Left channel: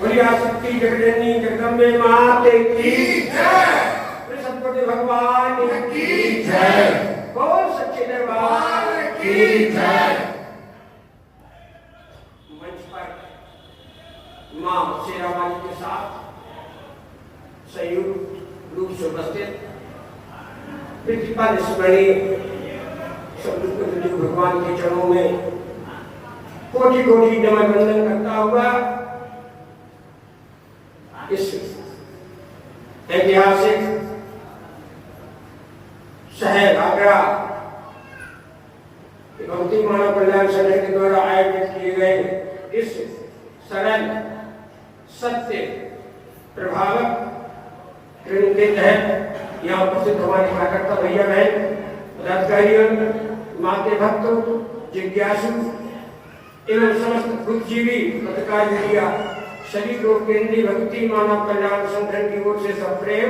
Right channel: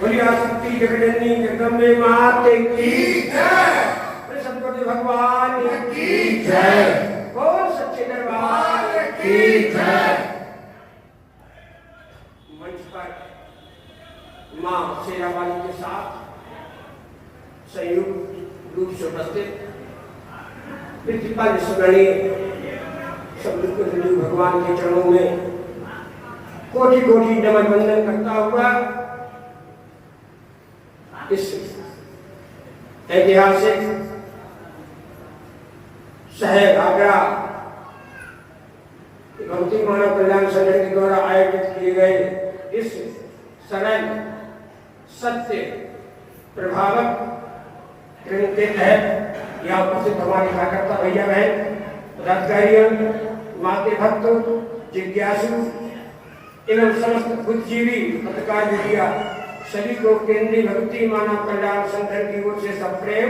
बोली आसक्ति जगजननी जगदम्बे माते की जय, सतगुरु भगवान की जय, बोल सच्चे दरबार की जय। मंच पर मां शेरावाली के साथ संयुक्त रूप से उपस्थित प्रिंसिपल स्मरणीय सतगुरु भगवान के चरणों में कोटि कोटि नमन वंदन करता हुआ इस ऐतिहासिक शहर आगरा भक्ति मानव कल्याण संगठन के द्वारा आयोजित किए गए इस सरल सत्य प्रभावक ट्रेनिंग के तहत यहाँ उपस्थित हमारे कार्यकर्ता भैया बहन पदाधिकारीगण माते भक्त जिज्ञासु एवं समस्त बुद्धिजीवी पत्रकार मीडिया सभी को केंद्रीय भक्ति मानव कल्याण संगठन की ओर से सब प्रेम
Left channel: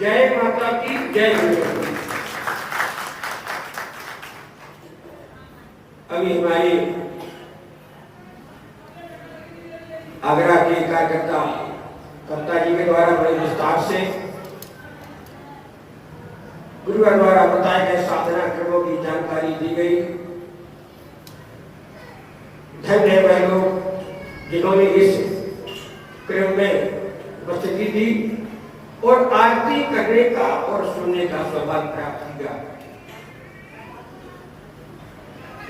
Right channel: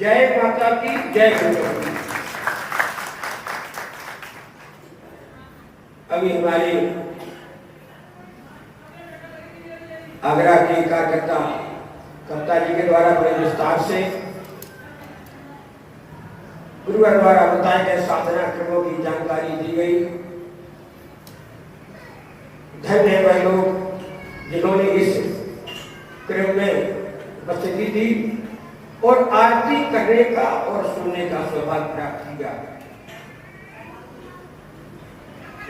जय माता की जय। अभी हमारे आगरा के कार्यकर्ता जी के द्वारा बड़े विस्तार से गुरुवार द्वारा बताए गए साधना क्रमों की जानकारी दी गई। धन्य है वह लोग जिन्होंने इस क्रम में उपस्थिति दी और आरती करने का और सुनने का सौभाग्य प्राप्त किया।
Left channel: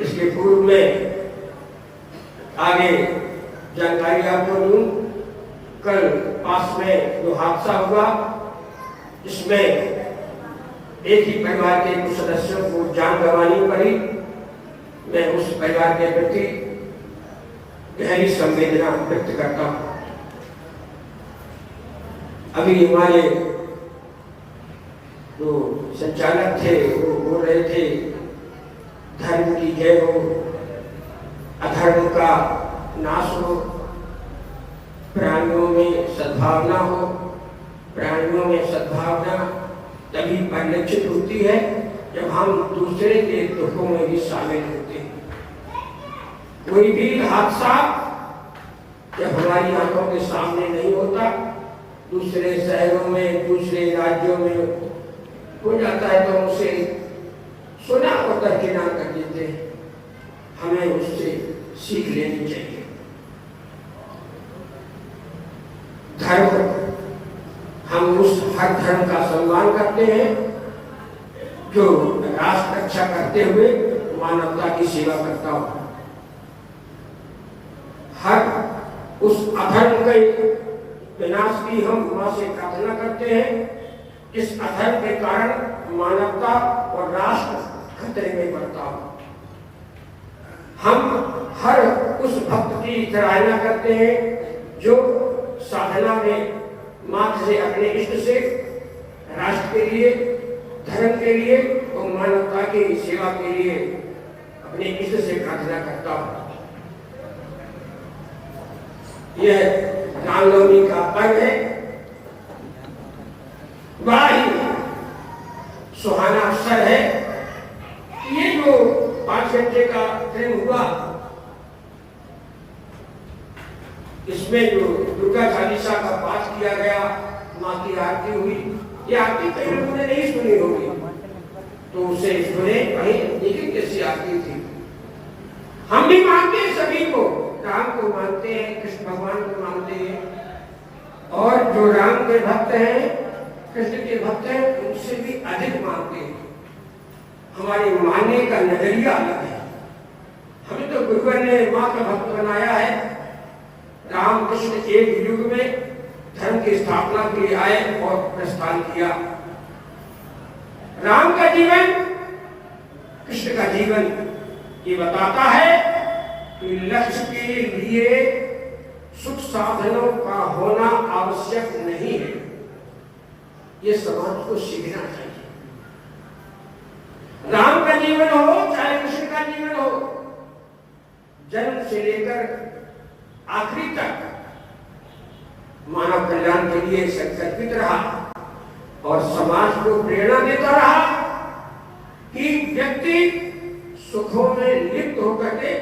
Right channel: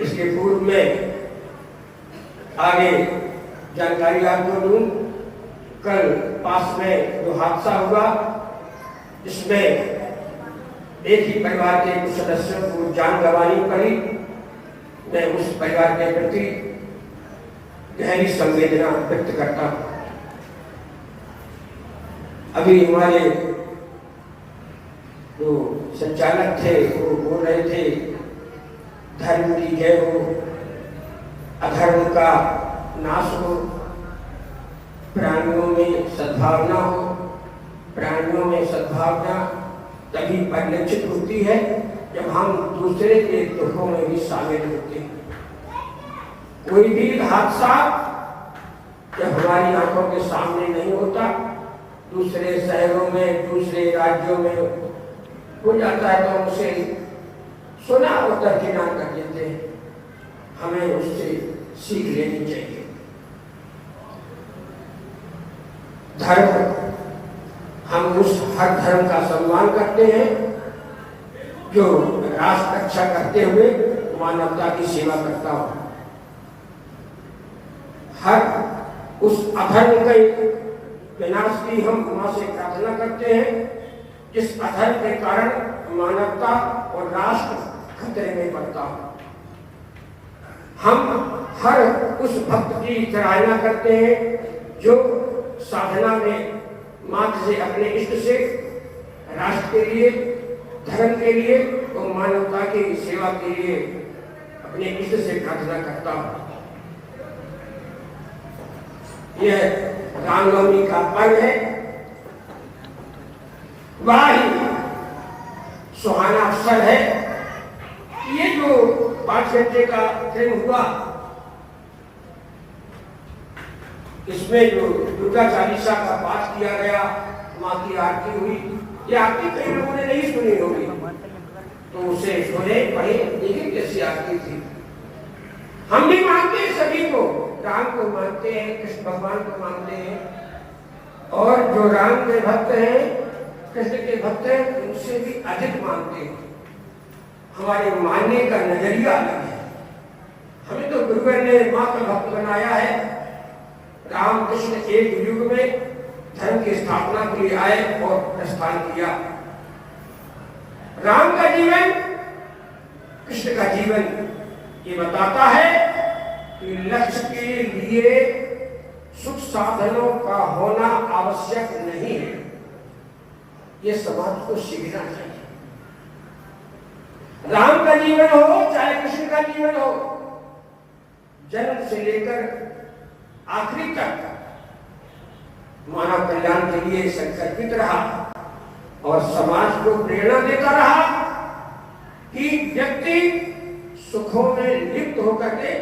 इसके पूर्व में आगे जानकारी आपको दूं, कल पास में जो हादसा हुआ जिसमें एक ही परिवार के कुछ सदस्यों को जान गंवानी पड़ी, मैं उस परिवार के प्रति गहरी संवेदना व्यक्त करता हूं। अभी हमारे जो संचालक थे वो बोल रहे थे धर्म की जय हो, अधर्म का नाश हो, प्राणियों में सद्भावना हो। प्राणियों में सद्भावना तभी परिलक्षित होती है जब हम दूसरे के दुखों में भी शामिल होते हैं। कोई भी हादसा जब हमारी आंखों के सामने नहीं होता, दूसरे शहरों में दूसरे राज्यों में हो जाता है तो उसे सुना और दरकिनार कर देते हैं। हमें उससे सीख लेनी चाहिए। धर्म, हम उस हर धर्म का सम्मान करते हैं जो राष्ट्र रक्षा करते हुए मानवता की सेवा करता हो। हर उस अधर्म के विनाश की हम मां से प्रार्थना करते हैं। इस अधर्म के कारण मानवता और राष्ट्र खतरे में पड़ता हो। हम हर उस भक्त की सराहना करते हैं जो साधना में मात्र से अपने इष्ट से राष्ट्र के लिए, धर्म के लिए और मानवता की सेवा के लिए अपने इष्ट से प्रार्थना करता हूं। यह रामनवमी का पर्व है। वही सुहाना अवसर है। ये जो 5 घंटे का ट्रेन हुआ, इसमें जो दुर्गा चालीसा का पाठ किया गया, मां की आरती हुई। ये आरती कई लोगों ने नहीं सुनी होगी, तो उसे सुने, पढ़े, देखें कैसी आरती थी। हम भी मानते हैं सभी को, राम को मानते हैं, कृष्ण भगवान को मानते हैं, और जो राम के भक्त हैं, कृष्ण के भक्त हैं, उनसे भी अधिक मानते हैं। हमारे मानने का नजरिया अलग है। हमें तो गुरुवर ने मां का भक्त बनाया है। राम कृष्ण एक युग में धर्म की स्थापना के लिए आए और प्रस्थान किया। राम का जीवन, कृष्ण का जीवन ये बताता है कि लक्ष्य के लिए सुख साधनों का होना आवश्यक नहीं है। ये समाज को सीखना चाहिए। राम का जीवन हो चाहे कृष्ण का जीवन हो, जन्म से लेकर आखिरी तक मानव कल्याण के लिए संकल्पित रहा और समाज को प्रेरणा देता रहा कि व्यक्ति सुखों में लिप्त होकर के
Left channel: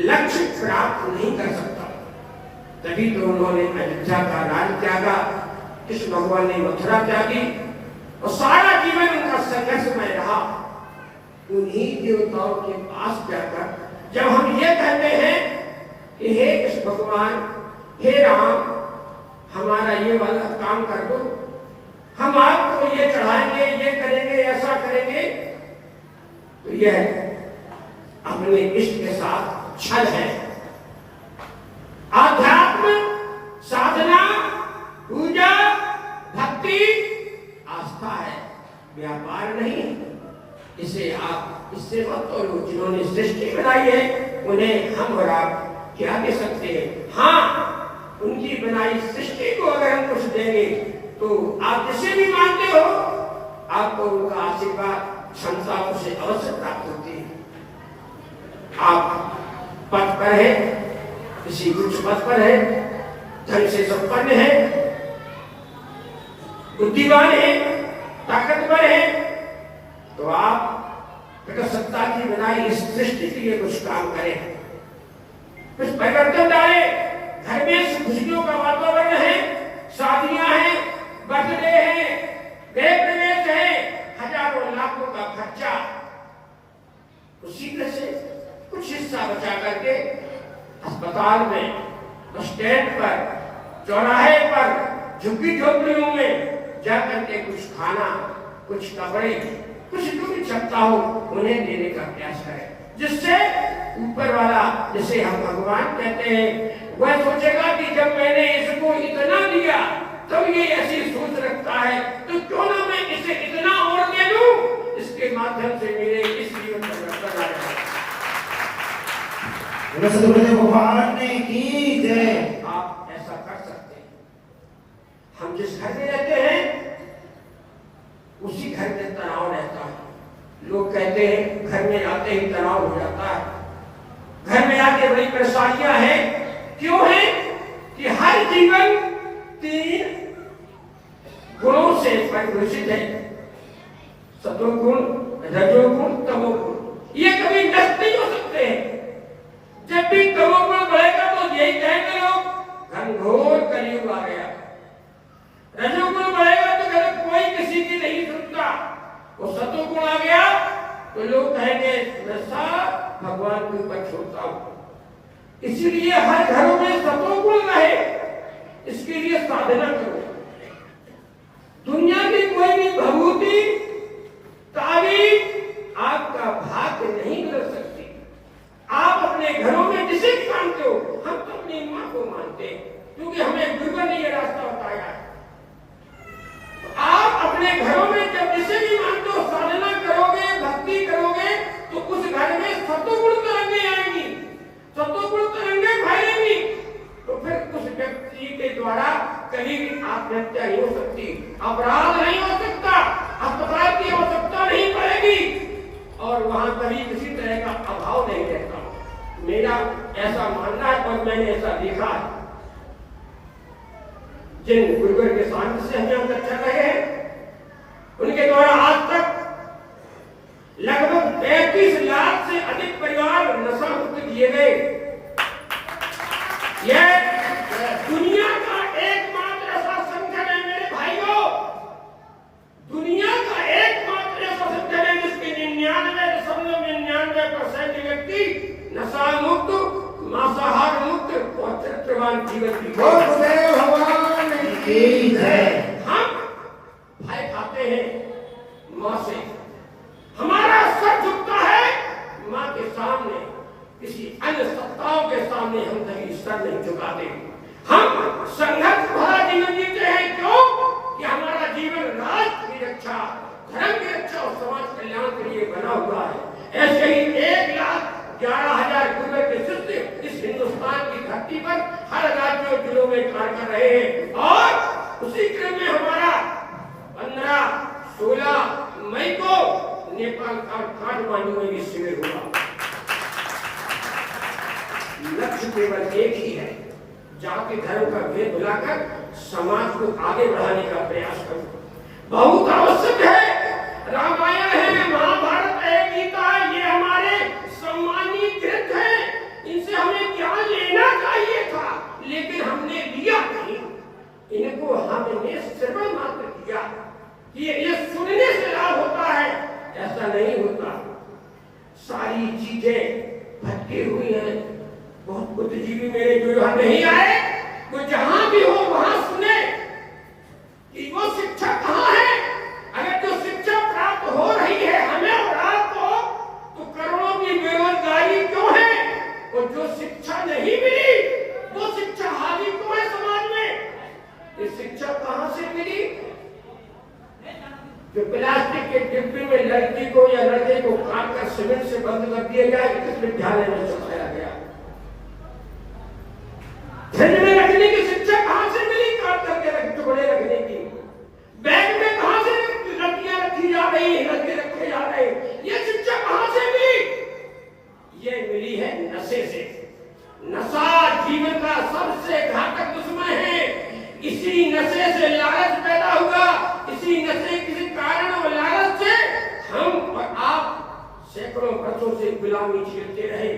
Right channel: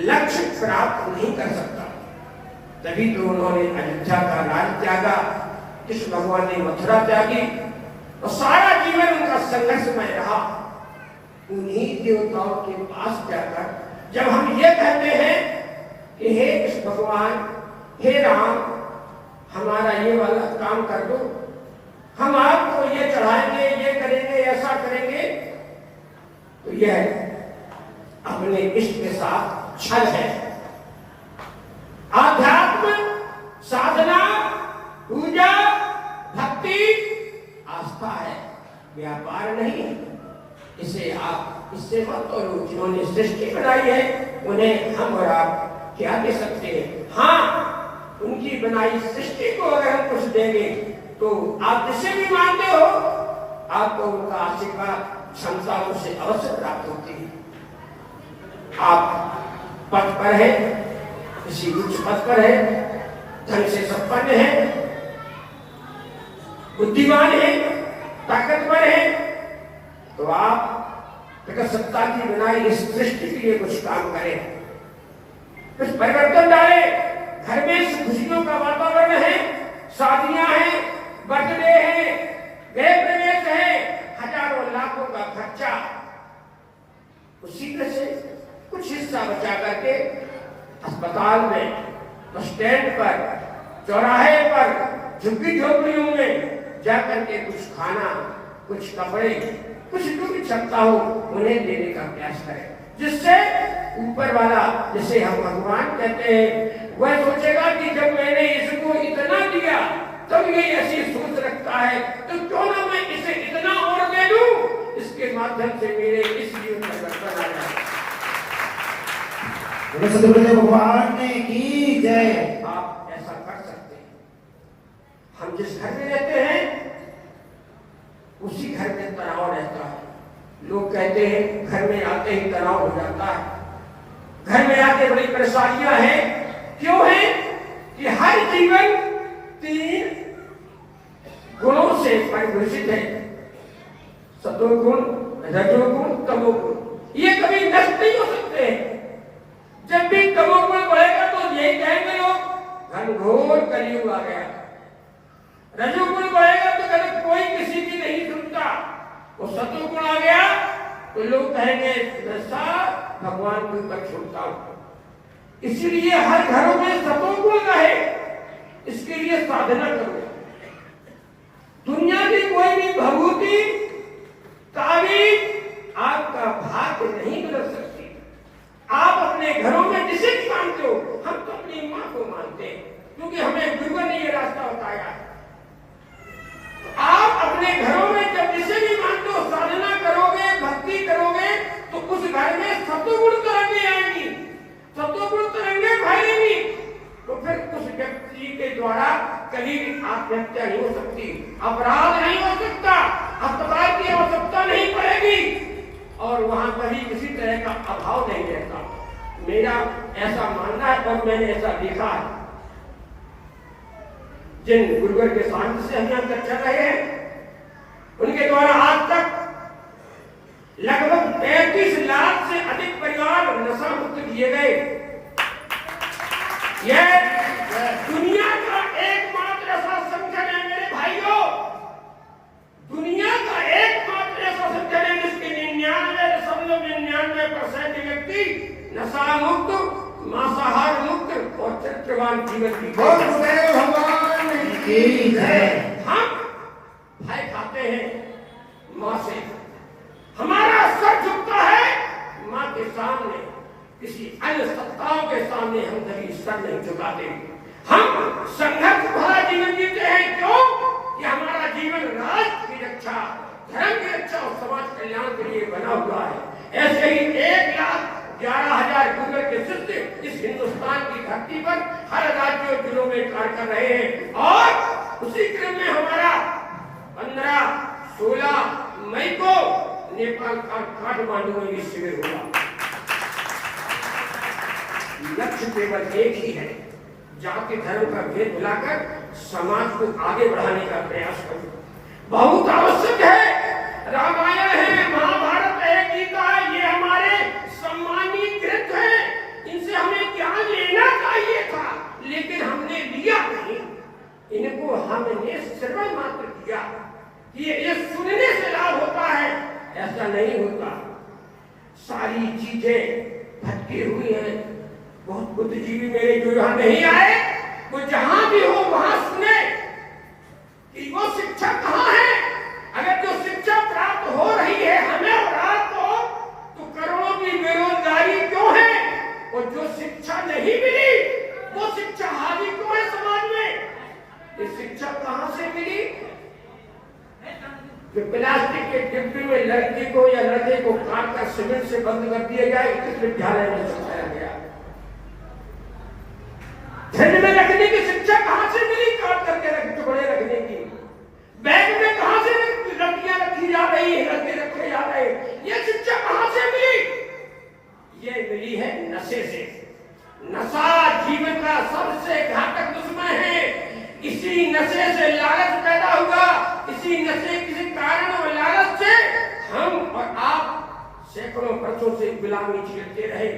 लक्ष्य प्राप्त नहीं कर सकता। तभी तो उन्होंने अयोध्या का राज त्यागा, कृष्ण भगवान ने मथुरा त्यागी और सारा जीवन उनका संघर्षमय रहा। उन्हीं देवताओं के पास जाकर जब हम ये कहते हैं कि हे कृष्ण भगवान, हे राम, हमारा ये वाला काम कर दो, हम आपको ये चढ़ाएंगे, ये करेंगे, ऐसा करेंगे, तो यह अपने इष्ट के साथ छल है। आध्यात्म, साधना, पूजा, भक्ति, आस्था है, व्यापार नहीं। इसे आप इससे मत तोलो। जिन्होंने सृष्टि बनाई है उन्हें हम और आप क्या दे सकते हैं? हाँ, उनकी बनाई सृष्टि को अगर हम कुछ देंगे तो आप जिसे भी मानते हो आपको उनका आशीर्वाद, क्षमता उसे अवश्य प्राप्त होती है। आप पथ पर है, किसी उच्च पद पर है, धन से संपन्न है, बुद्धिमान है, ताकतवर है, तो आप प्रकट सत्ता की बनाई इस सृष्टि के लिए कुछ काम करें, कुछ परिवर्तन डालें। घर में खुशियों का वातावरण है, शादियां हैं, बर्थडे है, गृह प्रवेश है, हजारों लाखों का खर्चा, उसी में से कुछ हिस्सा बचा करके अस्पताल में, बस स्टैंड पर, चौराहे पर, झुग्गी झोपड़ियों में जाकर के कुछ खाना, कुछ कपड़े, कुछ जो भी क्षमता हो उन्हें देने का प्रयास करें, जिससे ऊपर वाला, जिसे हम भगवान कहते हैं, वह सोचेगा कि जब मैंने इसको इतना दिया तब ये ऐसी सोच रखता है, तो क्यों ना मैं इसे इतना और दे दूं, इसके माध्यम से मेरे इस जीवन में परिवर्तन आ जाए। भगवान ने की जय। आप ऐसा कर सकते हैं। हम जिस घर में रहते हैं उसी घर में तनाव रहता है। लोग कहते हैं घर में आते ही तनाव हो जाता है, घर में आते बड़ी परेशानियां हैं। क्यों है कि हर जीवन 3 गुणों से परिभाषित है, सतोगुण, रजोगुण, तमोगुण। ये कभी नष्ट नहीं हो सकते हैं। जब भी तमोगुण बढ़ेगा तो यही कहेंगे लोग घनघोर कलयुग आ गया। रजोगुण बढ़ेगा तो कहेंगे कोई किसी की नहीं सुनता। वो सतोगुण आ गया तो लोग कहेंगे नशा भगवान के ऊपर छोड़ता हूं। इसीलिए हर घरों में सतोगुण रहे, इसके लिए साधना करो। दुनिया की कोई भी भभूति, तारीफ आपका भाग्य नहीं बदल सकती। आप अपने घरों में जिसे भी मानते हो, हम तो अपनी मां को मानते हैं क्योंकि हमें गुरुवर ने यह रास्ता बताया। तो आप अपने घरों में जब जिसे भी मानते हो साधना करोगे, भक्ति करोगे, तो उस घर में सतोगुण तरंगे आएंगी, सतोगुण तरंगे फैलेंगी। तो फिर उस व्यक्ति के द्वारा कभी भी आत्महत्या नहीं हो सकती, अपराध नहीं हो सकता, अस्पताल की आवश्यकता नहीं पड़ेगी और वहां कभी किसी तरह का अभाव नहीं रहता। मेरा ऐसा मानना है और मैंने ऐसा देखा है। जिन गुरुवर के सामने से हम यहाँ तक चल रहे हैं, उनके द्वारा आज तक लगभग 33 लाख से अधिक परिवार नशा मुक्त किए गए। यह दुनिया का एकमात्र ऐसा संगठन है मेरे भाइयों, दुनिया का एकमात्र ऐसा संगठन है जिसके 99.99% व्यक्ति नशा मुक्त, मांसाहार मुक्त और चरित्रवान जीवन की भगवान की जय। हम भय खाते हैं मां से, हमारा सर झुकता है मां के सामने, किसी अन्य सत्ताओं के सामने हम कभी सर नहीं झुकाते। हम संघर्ष भरा जीवन जीते हैं। क्यों? कि हमारा जीवन राष्ट्र की रक्षा, धर्म की रक्षा और समाज कल्याण के लिए बना हुआ है। ऐसे ही 1,11,000 गुरुवर के शिष्य इस हिंदुस्तान की धरती पर हर राज्य और जिलों में कार्य कर रहे हैं और उसी क्रम में हमारा 15-16 मई को नेपाल का काठमांडू में भी शिविर होगा। लक्ष्य केवल एक ही है, जाति धर्म का भेद भुलाकर समाज को आगे बढ़ाने का प्रयास करो। बहुत आवश्यक है। रामायण है, महाभारत है, गीता है, ये हमारे सम्मानीय ग्रंथ हैं। इनसे हमें ज्ञान लेना चाहिए था, लेकिन हमने लिया नहीं। इनको हमने श्रवण मात्र किया कि ये सुनने से लाभ होता है, ऐसा नहीं होता। सारी चीजें भटकी हुई हैं। बहुत बुद्धिजीवी मेरे जो यहाँ नहीं आए, वो जहां भी हो वहां सुने कि वो शिक्षा कहाँ है। अगर जो शिक्षा प्राप्त हो रही है हमें और आपको, तो करोड़ों की बेरोजगारी क्यों है? और जो शिक्षा नहीं मिली वो शिक्षा हावी क्यों है समाज में? ये शिक्षा कहां से मिली? जो प्लास्टिक के डिब्बे में लड़की को या लड़के को काट कर सीमेंट से बंद कर दिया गया, किस विद्यालय में सिखाया गया? फ्रिज में रखने की शिक्षा कहां से मिली? काट करके टुकड़े रखने की। बैग में कहां से लड़कियां रखी जा रही है, लड़के रखे जा रहे हैं? ये शिक्षा कहां से मिली? ये मिली है नशे से। नशा जीवन का सबसे घातक दुश्मन है। इसी नशे से लालच पैदा हुआ। इसी नशे किसी कारण और लालच से हम और आप सैकड़ों वर्षों से गुलामी झेलते रहे।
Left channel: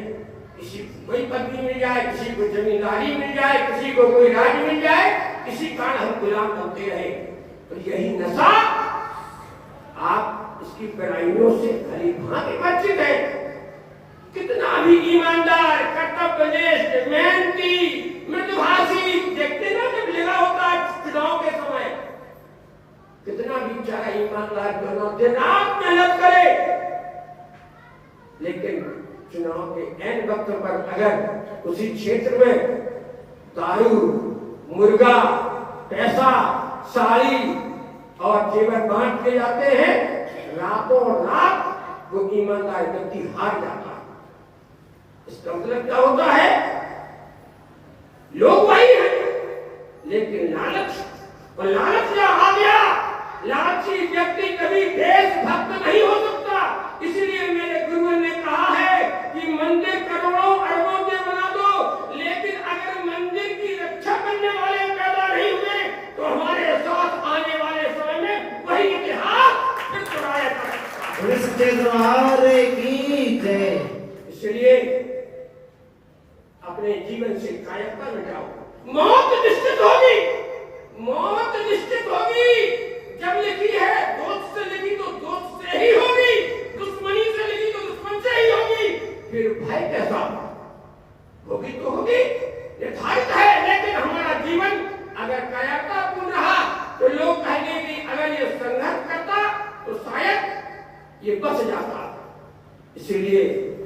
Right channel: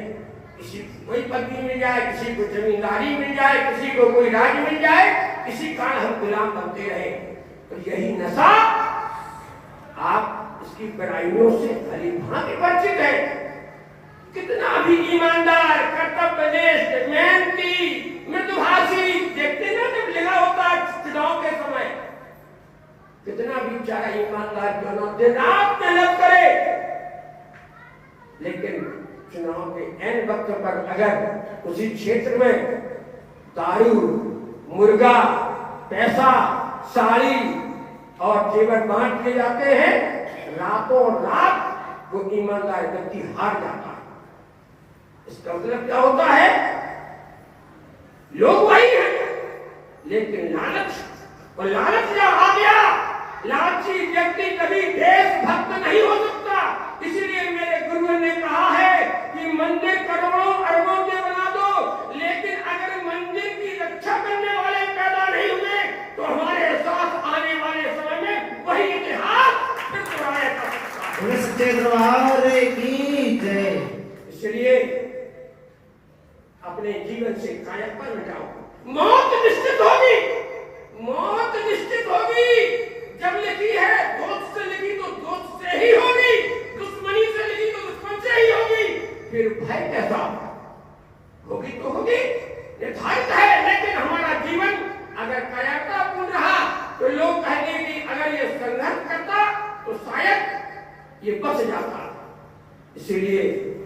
किसी को कोई पदवी मिल जाए, किसी को जमींदारी मिल जाए, किसी को कोई राज्य मिल जाए, इसी कारण हम गुलाम बनते रहे। तो यही नशा आप इसकी बुराइयों से भली भांति परिचित है। कितना भी ईमानदार, कर्तव्यनिष्ठ, मेहनती, मृदुभाषी देखते ना जब लगा होता है चुनाव के समय, कितना भी बेचारा ईमानदार क्यों ना दिन रात मेहनत करे, लेकिन चुनाव के ऐन वक्त पर अगर उसी क्षेत्र में दारू, मुर्गा, पैसा, साड़ी और जेवर बांट के जाते हैं, रातों रात वो ईमानदार व्यक्ति हार जाता है। इसका मतलब क्या होता है? लोग वही हैं, लेकिन लालच, और लालच क्या आ गया? लालची व्यक्ति कभी देशभक्त नहीं हो सकता। इसलिए मेरे गुरुओं ने कहा है कि मंदिर करोड़ों अरबों के बना दो, लेकिन अगर मंदिर की रक्षा करने वाले पैदा नहीं हुए तो हमारे साथ आने वाले समय में वही इतिहास फिर दोहराया जा सकता है। सच्चे दरबार की जय। इसलिए अपने जीवन से कायरता न जाओ। मौत निश्चित होगी, मौत निश्चित होगी। जब लिखी है दोस्त से लिखी तो दोस्त से ही होगी, दुश्मनी से लिखी तो दुश्मन से ही होगी। फिर भय कैसा? होगी तो होगी, निर्धारित है। लेकिन हमारा जीवन अगर कायरतापूर्ण रहा तो लोग कहेंगे कि अगर ये संघर्ष करता तो शायद ये बच जाता। इसीलिए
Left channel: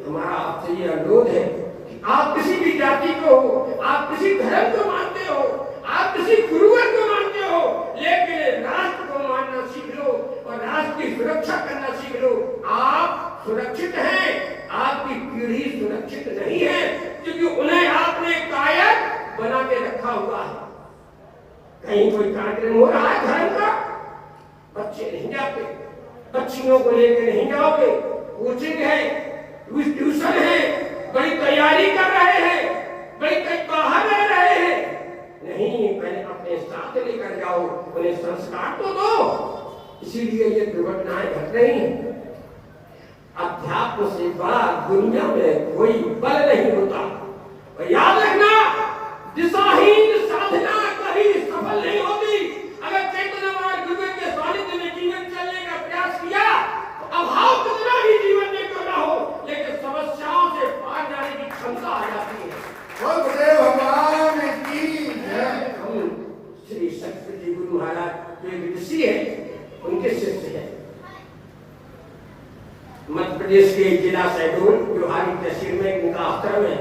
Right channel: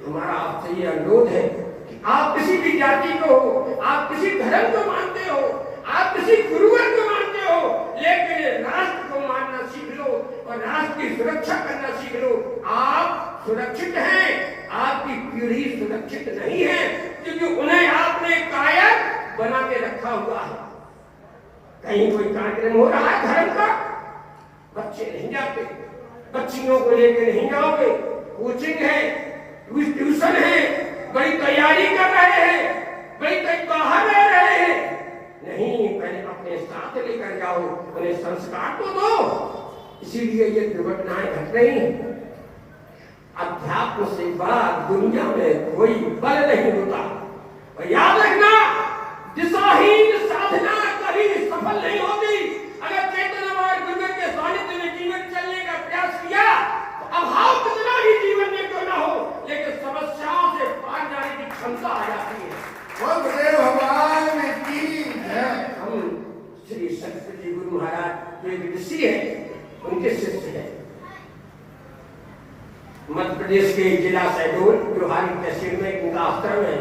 हमारा आपसे ये अनुरोध है कि आप किसी भी जाति को हो, आप किसी धर्म को मानते हो, आप किसी गुरुवर को मानते हो, लेकिन राष्ट्र को मानना सीख लो और राष्ट्र की सुरक्षा करना सीख लो। आप सुरक्षित हैं, आपकी पीढ़ी सुरक्षित नहीं है, क्योंकि उन्हें आपने कायरता बना के रखा हुआ है। कहीं कोई कार्यक्रम हो रहा है धर्म का, बच्चे नहीं जाते, बच्चियों को लेकर नहीं जाओगे, कोचिंग है, ट्यूशन है, बड़ी तैयारी कर रहे हैं, बड़ी बाहर रह रहे हैं। नहीं, पहले अपने साथ लेकर जाओ, उन्हें संस्कार तो दो। इसीलिए ये दुर्घटनाएं घट रही हैं। अध्यात्म से बड़ा दुनिया में कोई बल नहीं होता। और याद रखना, दिशाहीन साधना कभी सफल नहीं होती। अगर चेतनावान गुरु के सानिध्य में जीवन चलने का प्रयास किया तो अभाव कितना ही जीवन में क्यों ना हो, लेकिन समस्याओं से पार जाने की क्षमता आ जाती है। भगवान की जय। हम श्री सरस्वती गुरु महाराज जो एक ऋषि है, उनके शिष्य है। मध्य प्रदेश के जिला शहडोल जोहारी तहसील में इनका आश्रम है,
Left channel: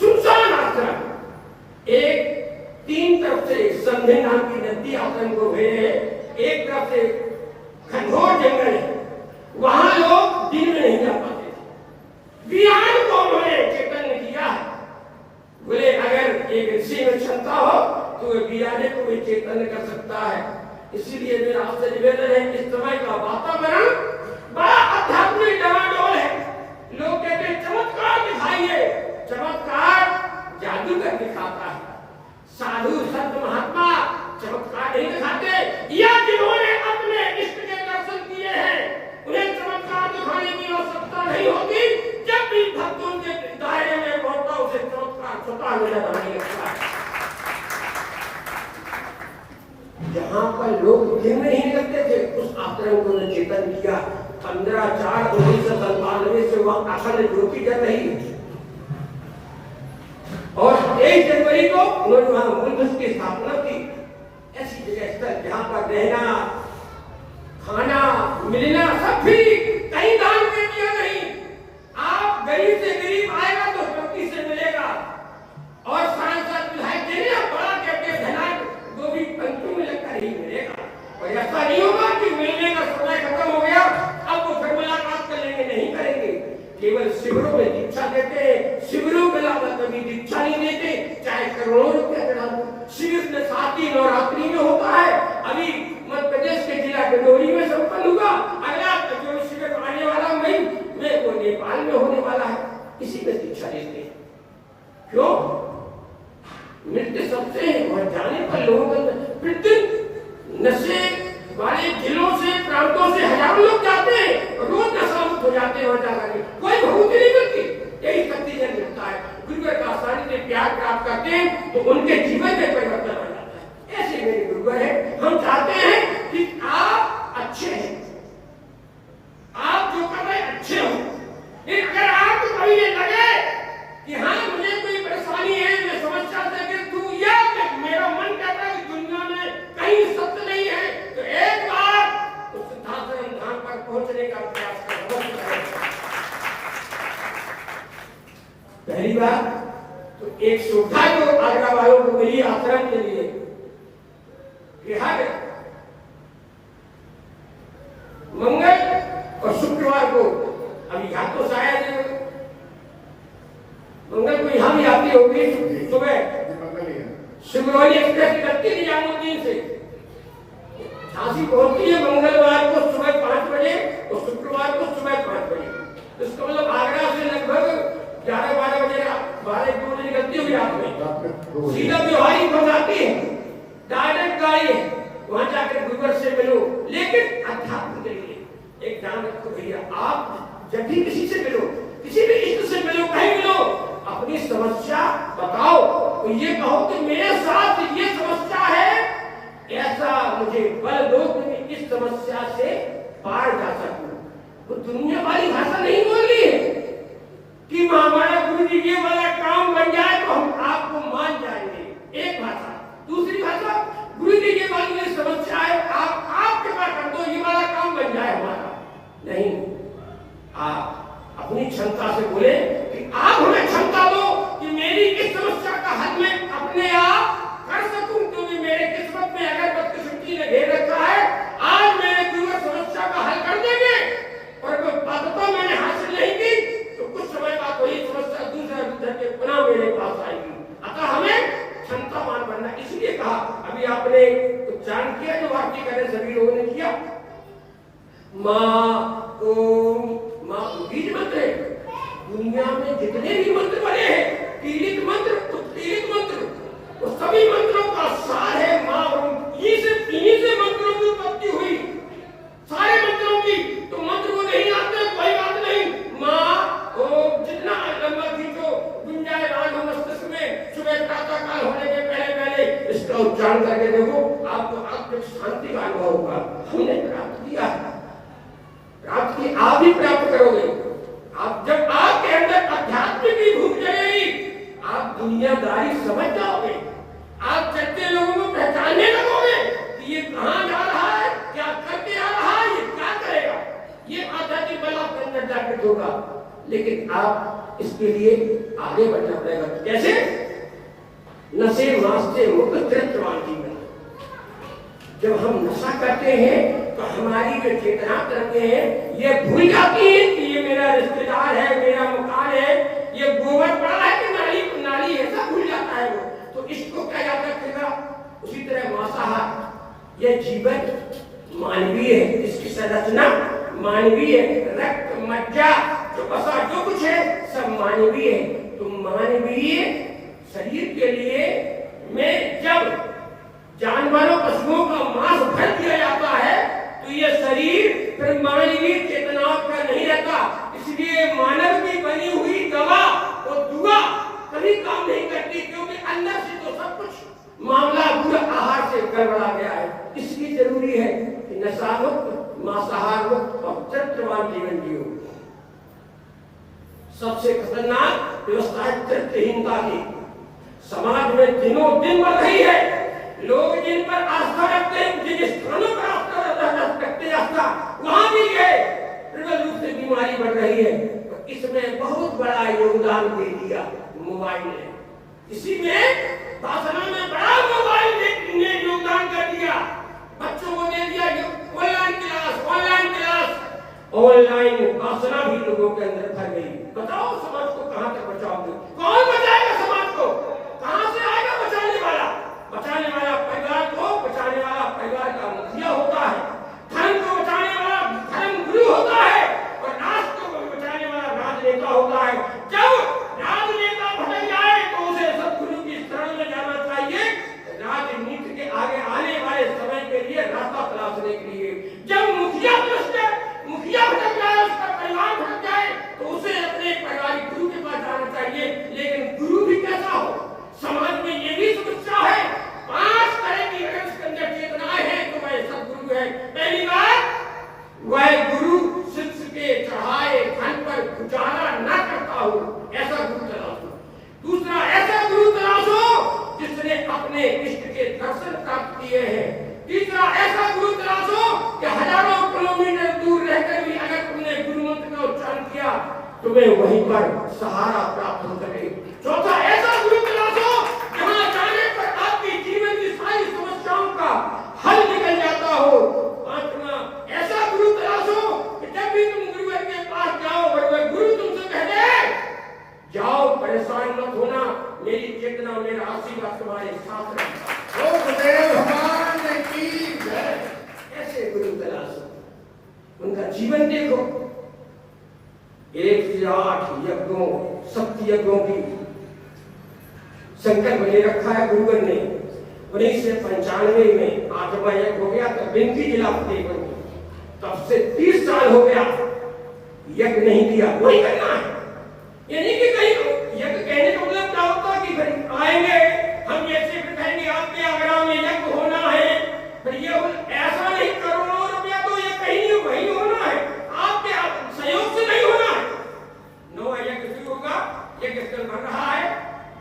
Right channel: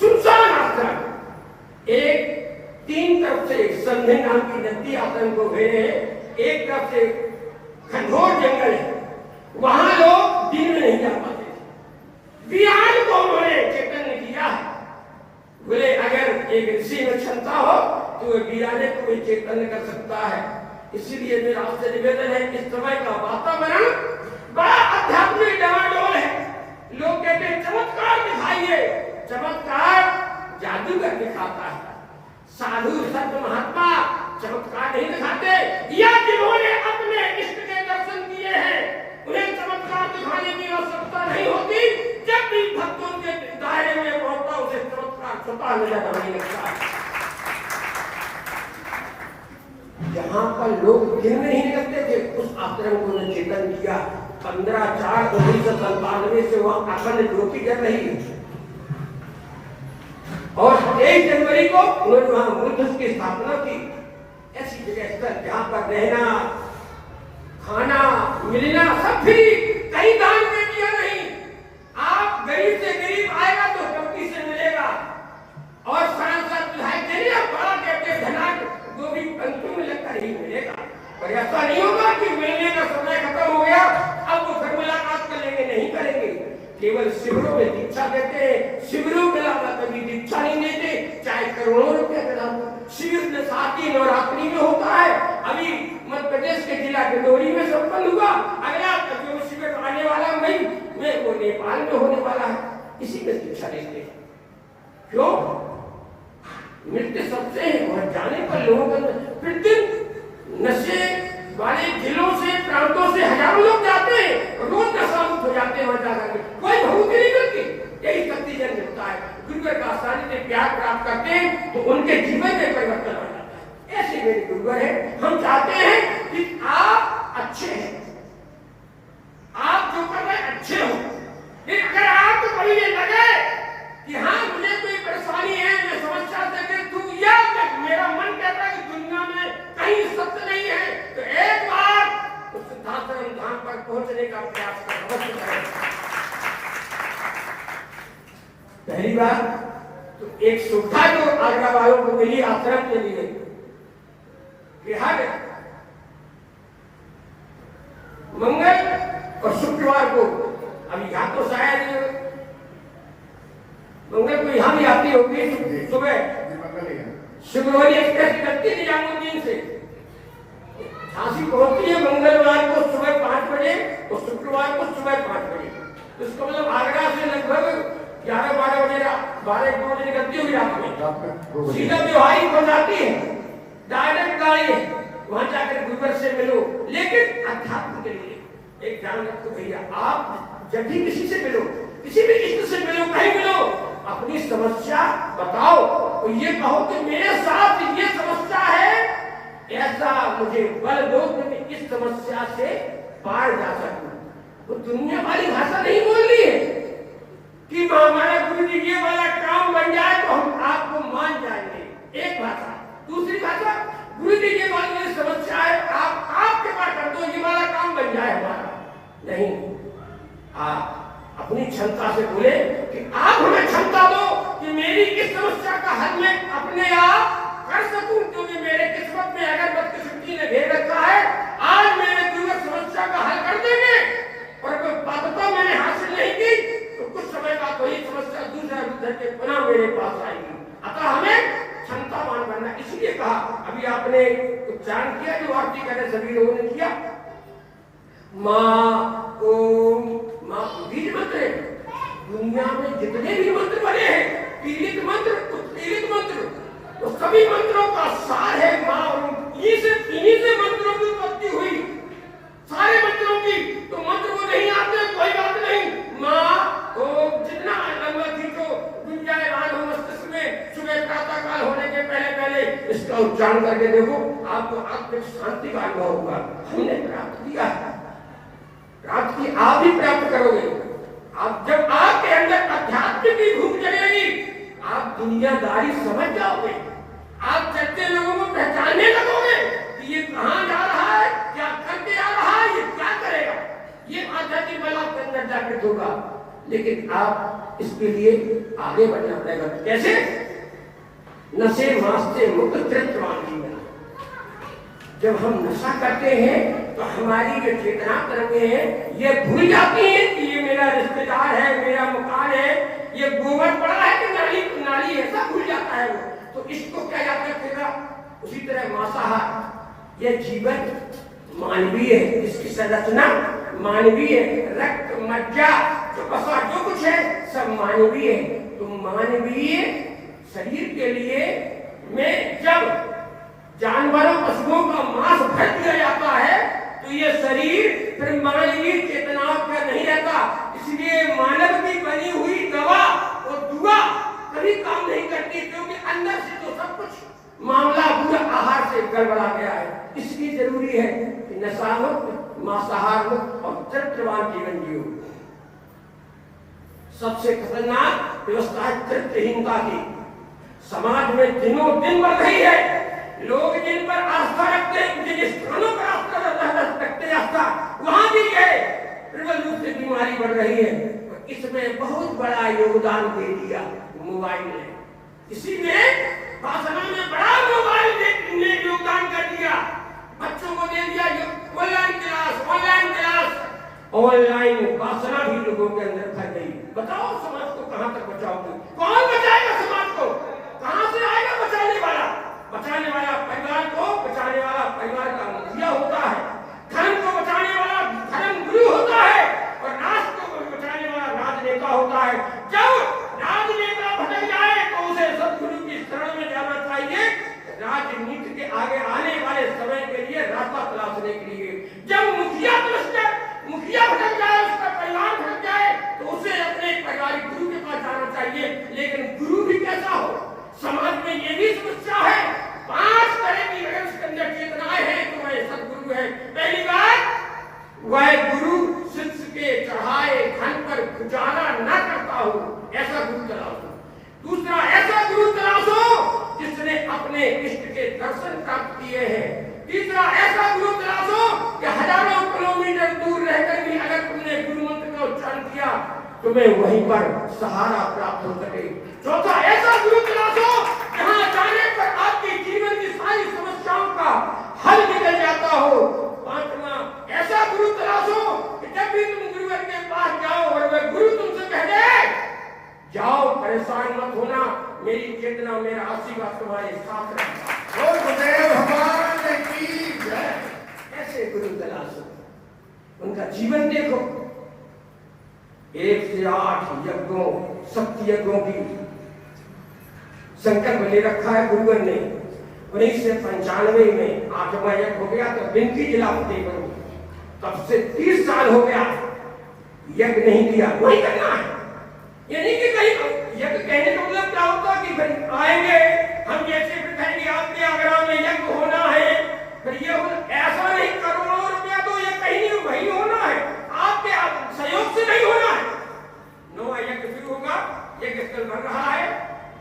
सुनसान आश्रम। एक तीन तरफ से संधे नाम की नदी आश्रम को घेरे है, एक तरफ से घनघोर जंगल है, वहां लोग दिन में नहीं जा पाते थे। बिहार को उन्होंने चैतन्य किया है। बोले अगर एक ऋषि में क्षमता हो तो बियाने को भी चैतन्य कर सकता है। इसीलिए मेरा आपसे निवेदन है, इस समय का वातावरण बड़ा आध्यात्मिक डमाडोल है। लोग कहते हैं चमत्कार दिखाइए, चमत्कार जादूगर दिखाता है। साधु संत महात्मा चमत्कार नहीं दिखाते, या जिन्होंने अपने इष्ट के दर्शन किए हैं उन्हें चमत्कार दिखाने की आवश्यकता नहीं होती। जब भी भक्तों के दायरे में पहुंचता उसे चमत्कार स्वतः नजर आने लगता है। जहां पर लोग दिन में नहीं लगते थे, उस आश्रम को उन्होंने चेतन किया। 15/4/1997 से वहां अखंड ज्योति कर रही है और 23 जनवरी को उन्होंने वहां मूलधुस की स्थापना की। ऐसी जगह स्थल जहां पर रहना, खाना, मिलना सब फ्री, कहीं दान में दिया नहीं। आप गरीब से गरीब आएगा तो चौकी से मिलेगा और सरल विधायक देने बड़ा कहते धनाक जो भी पंक्ति में लगता नहीं मिलेगा। और ऐसा नहीं होगा कि मिलने का समय खत्म हो गया अब वो फिर मुलाकात कर लेंगे, नहीं करेंगे। केवल शिविरों में दीक्षा देते हैं, शिविरों के अलावा कभी दीक्षा नहीं देते, चाहे करोड़ों रुपया का शिविर में 7 ही नवरात्रि में होता है। अभी मध्य प्रदेश के जिला डिंडोरी में संपन्न हुआ, अगला जो शिविर आने वाला मई में वो नेपाल में होने वाला है। इसी में दीक्षा लेते हैं। क्यों? मिलते सबसे हैं और जाने पर लोगों का प्रतिदिन नशे वाले जिलों से, प्रांतों से हजारों लोग जाते हैं, रोज नशा मुक्त हो जाते हैं वहां जाकर, कोई भभूति नहीं मिलती। यही शक्ति जन मिलता है, गुरुवर का आसानी से प्यार प्राप्त करते हैं तो उनके जीवन में परिवर्तन आ जाता है। ऐसे मेरे गुरुवर है। हम चाहते हैं कि आप अच्छे हैं, आप जो कर रहे अच्छे हो। लेकिन अगर आपको कभी ये लगे कि हाँ मुझे कोई परेशानी है, मैं समस्या से ग्रस्त हूं, या मेरा मन कहता है कि दुनिया में कहीं सत्य नहीं है, तो एक बार उस सिद्धाश्रम धाम पर पहुंचने का प्रयास करें। पहली बार तो एक सुविधा जो आगरा वालों को मिली आश्रम के लिए कि हर मंगल और शुक्रवार को, अभी यहाँ तो शायद मंगल को यहाँ भी आती होगी सुबह, शिवरोली एक्सप्रेस करती है निजामुद्दीन से झांसी पहुंचती है मंगलवार को सुबह 5 बजे और शुक्रवार को सुबह 5 बजे। तो इसका मतलब आगरा से लगभग 11-12 बजे, 12-1 बजे निकलती होगी रात में, सीधा बिहारी पहुंचाती है, डायरेक्ट गाड़ी है, वहां जाकर गुरुवर से मिलो। लेकिन अध्यात्म के लिए एक ध्यान रखो भैया, आप जब भी किसी से मिलो, किसी भी इष्ट से मिलो, कहीं मिलो, अपनी समस्या बताओ तो ये कहो कि मेरे साथ ये समस्या है, ऐसा मुझे बल दो कि मैं इस समस्या से पार जा सकूं। तो दुनिया वाली भाषा नहीं बोल रही है कि हमारा गुरु जी ये वाला काम बन जाए तो हम आपको मान जाएंगे, एक भाषा। दूसरी भाषा, गुरु जी ये वाली मेरी समस्या है, आप कृपा कर दो, ये वाला काम बन जाए हमारा। नहीं, आप अपनी क्षमता से बोले कि आप हमें क्षमता दो कि मेरी इस समस्या का हल मैं अपने आप कर सकूं, क्योंकि मेरे किस्मत में अगर बदकिस्मती ने घेर रखा है, आज मेरे गुरुवर समस्या का हल कर देंगे और कोई पदता मैंने हासिल नहीं की तो कुछ समय बाद वही समस्या दूसरा रूप के पुनः मेरे पास आएगी। अतः हमें क्षमतावान बनना। इसलिए कहा, अभी आपने उच्चारण किया जो आरती करे सभी लोगों ने किया, माँ ओम, माँ बीज मंत्र है। दुनिया में जितने भी मंत्र बने हैं, पीड़ित मंत्र, उत्पीड़ित मंत्र, तो सभी मंत्रों का सार है माँ ओम। इन्हीं से मंत्रों की उत्पत्ति हुई, सारे मंत्रों की। तो मंत्र को नहीं आते कोई बात नहीं, माँ ओम जितना लंबा खींचो, गुंजाए राग मस्तिष्क में, सुबह प्रातः काल होने के पहले पहले इसका उच्चारण करके देखो, आपको आत्मिक शांति का अनुभव होगा। हमने प्राप्त किया, प्राप्त की, आप भी प्राप्त करोगे। आप जब आपके अंदर आध्यात्मिक की भूख जगेगी, आप दुनियादारी समझ जाओगे, आप चलते लोगों को पहचानने लगोगे कि ये कहां जा रहा है, क्या करके आ रहा है, ये क्या करेगा। ये आध्यात्मिक बल आपके अंदर जागृत होगा। लेकिन आप इसके लिए आगे बढ़ना पड़ेगा। कैसे? नशे मास से मुक्त चरित्रवान जीवन। जब हम नशा करते हैं तो हमारी जो चेतना तरंगे हैं ये भूल जाती है कि ये मेरा रिश्तेदार है, मेरा मकान है, ये गोबर पड़ा है कि नाली ऐसा भूल जाता है वो। तो इसको क्या याद रखेगा? उसी तरह मांसाहार, ये जीवन मानवीय है, इसकी संरचना मानवीय है, रक्त मज्जा जो बसा जो कुछ है सब मानवीय है। तो मानवीय शरीर के लिए में जब जानवरों पशुओं का मांस भर दिया जाता है तो ये शरीर फिर मानवीय चेतनाओं पर नहीं रहता। इसलिए मानव की बनी हुई दवा और दुआ कभी काम नहीं करती, क्योंकि अंदर से तो सब कुछ मामला बुरा आहार से गड़बड़ा गया है। जरूरी है कि नशा मुक्त, मांसाहार मुक्त और चरित्रवान जीवन जियो। सबसे खतरनाक व्यवस्था है चरित्रहीनता की। समाज में दिनों दिन बढ़ रही है। लोग जिन पर आस्था रखते हैं, जिन स्थानों पर आस्था रखते हैं, आस्था वहां भी गए प्रबल रूप से बीमारी बढ़ रही है। तो इसमें बहुत बड़ा योगदान दे दिया मोबाइल ने। इसी में भाषणों में बड़ा मोबाइल ने योगदान कर दिया। बच्चों को दे दिया ऑनलाइन क्लास, ऑनलाइन वासना भी लोगों के अंदर फैल गई। बताओ समाज को कहां तक बचाओगे? कौन बचाएगा समाज को? कहां से आएगा बचाने वाला? बचाने वाला परिवार को बचाने वाला परिवार का मुखिया होता है, धर्म को बचाने वाला धर्म गुरु होता है, और राष्ट्र को बचाने वाला राजनेता होता है। जब राजनेता भटक जाए तो उसे सदगुरु की शरण में जाना चाहिए, राजनीति के आगे आने वाले समय के लिए रास्ता तलाशने के लिए। जब मुखिया भटक जाए, उसका परिवार भटक जाए, तो उसे अपने परिवारिक गुरु के पास जाना चाहिए। लेकिन गुरु भी कैसा हो? समाज में ये भी समस्या है। 5 तरह की अगर उसके अंदर चेतनाएं हैं तो वह सदगुरु है। पहली बात, वह गुरु शिष्य के चढ़ाए धन पर गुजारा न करता हो, ऐसा गुरु तलाशो। दूसरा, ऐसा गुरु तलाशो जिसने अपने इष्ट के दर्शन प्राप्त किए हैं। तीसरा, ऐसा गुरु तलाशो कि हजारों किलोमीटर दूर रहकर भी अगर तुमने गुरु मंत्र का उच्चारण किया, तुम्हें वहीं पर सहारा प्राप्त हो सके। चौथा, ऐसा गुरु तलाशो जहां जाने पर आपकी जीवन की सारी समस्याओं का हल निकल जाता हो। पांचवा, ऐसा गुरु तलाशो कि जब भी तुम गुरुवर के पास जाओ और वह गुरु तुमसे कह दे, जाओ परेशान मत होना, मेरी चेतना मेरा आशीर्वाद तुम्हारे साथ रहेगा। ऐसे गुरु तलाशो, उनका जीवन देखो। 1 से 8 यज्ञों, सप्त यज्ञों की संकल्प ले रखा है गुरुवर ने। 1995 में 8वां यज्ञ हो गया तो बिनती जिला फतेह करो। तब से 30 साल हो गया यज्ञ नहीं किया। वही करना है। ये नहीं कि कहीं यज्ञ कहने का मतलब क्या होता कि फिर आएंगे हम जैसे फिर कहेंगे आपके आगरा में यज्ञ होना है, फिर ये ऐसा नहीं, करोड़ों रुपया तो ये कहीं वही होना है, आपके सहयोग से नहीं होना है। 9वां यज्ञ शुरू होगा, यज्ञ स्थल बन रहा है,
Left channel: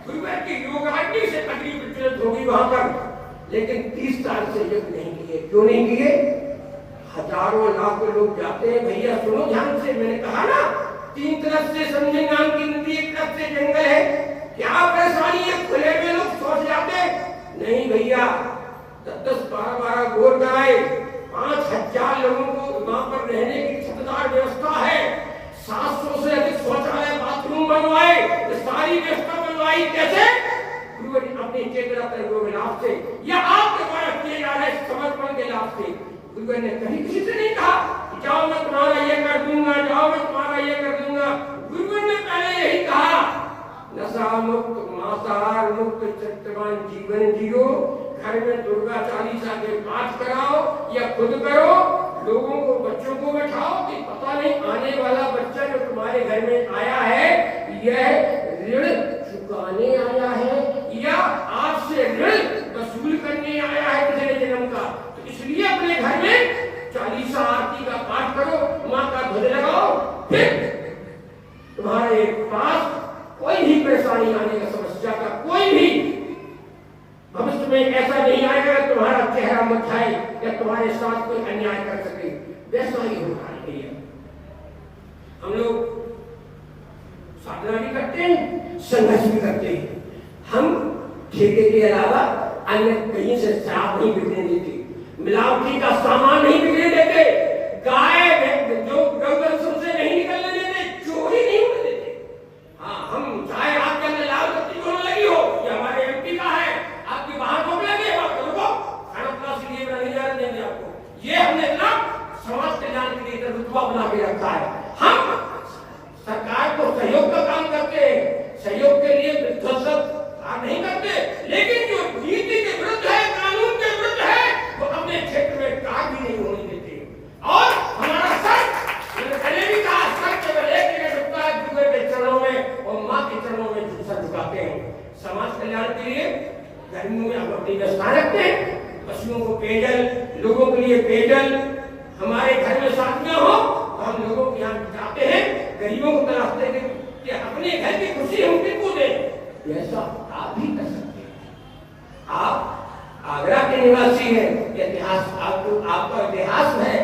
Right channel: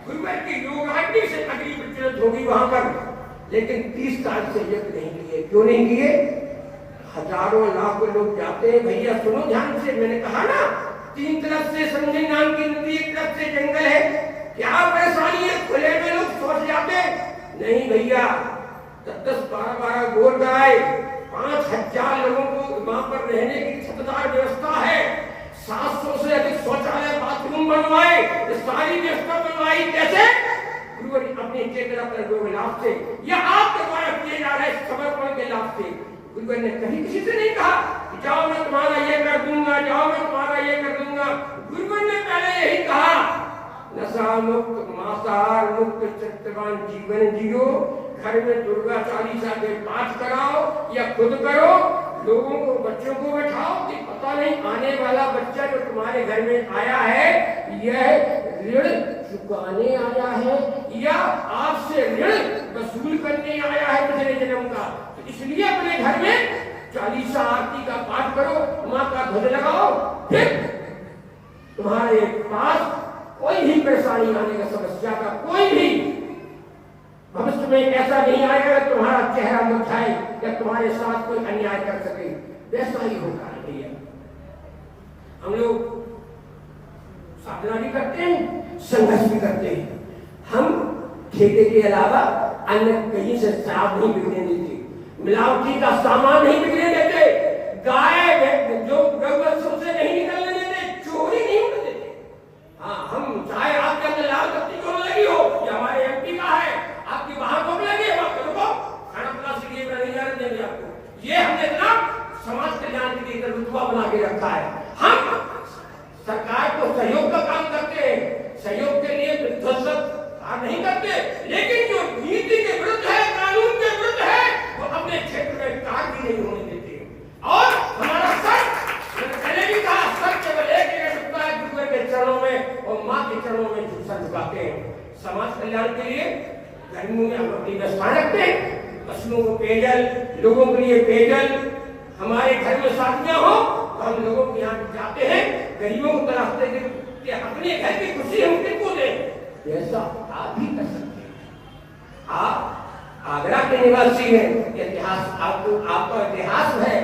गुरुवर की योगाग्नि से अग्नि प्रज्वलित होगी वहां पर। लेकिन 30 साल से यज्ञ नहीं किए। क्यों नहीं किए? हजारों लाखों लोग जाते हैं। भैया सुनो ध्यान से, मैंने कहा ना 3 तरफ से संजय नाम की नदी, एक तरफ से जंगल है। क्या परेशानी है? खुले में लोग सोच जाते नहीं भैया। 10-10, 12-12 गोर गाय, 5000 लोगों को वहां पर रहने की छतदार व्यवस्था है। 700 से अधिक शौचालय बाथरूम बनवाए, सारी व्यवस्था बनवाई। कैसे? गुरुवर अपनी चेतना पर लाभ से या आपके द्वारा किए जा रहे समर्पण के लाभ से। गुरुवर ने कहीं किसी से नहीं कहा जाओ मैं तुम्हारा ये कर दूंगा, जाओ मैं तुम्हारा ये कर दूंगा। गुरुवर ने पहले यही कहा, नशा मुक्त, मांसाहार मुक्त, चरित्रवान जीवन जियो। घर में दुर्गा चालीसा के पाठ कराओ या खुद करो। लोगों को, बच्चों को बैठाओ कि पता नहीं आने वाला बच्चा जो तुम्हारे घर में आया है, यह ऋण चुकाने आया है या आपसे ऋण वसूल करने आया है पिछले जन्म का। तो इसलिए अपने घर में चालीसा आरती का पाठ करो, मां का ध्वज लगाओ, फिर तुम्हारे पास कोई भी परेशानी आने का, समस्या का कोई भी भविष्य में ऐसा नहीं आएगा तुम्हारा चेहरा मुरझाए या तुम्हारे साथ कोई अन्याय कर सके। वैसा ही होगा। हम लोग साधना भी करते हैं, संघर्ष भी करते हैं। हम ठेके के अलावा अन्य कहीं से शराब नहीं बिकने देते, मिलावटी का सामान नहीं बिकने देते, गाय जो गौवंशों से नहीं निकलने देते, चोरी नहीं होने देते। हाँ, हम चाहे आपके अंदर लाल बत्ती क्यों लगी हो, ये हमारे एमपी का है, आपकी वहां को लगी है, खाना प्लास्टिक ये नहीं जाने देंगे आपको। ये हमने ना समाज कल्याण के लिए रुतबा बना के रखा है। हम सरकार को सहयोग का काम करते हैं, सहयोग के लिए विध्वंसक नहीं करते, लेकिन जो नीति के विरुद्ध है, कानून के विरुद्ध है, वो अपने क्षेत्र में कार्य भी नहीं होने देते। और हमारा सर, मैंने पहले भी कहा, सर केवल एक जगह झुकता है, गुरुदेव के चरणों में और माँ के चरणों में सर झुकाते हैं। समाज कल्याण के लिए गर्मियों में हम अपनी व्यवस्था रखते हैं, पशुओं को पेयजल, लोगों के लिए पेयजल, हमारे घर में शादियां हो तो हम लोगों के यहाँ जाते हैं, गरीबों को तलाशते हैं कि अपने घर की खुशी हम किसको दें। ऐसा आप भी कर सकते हैं। आप आगरा के निवासी हैं, इतिहास आपका इतिहास है।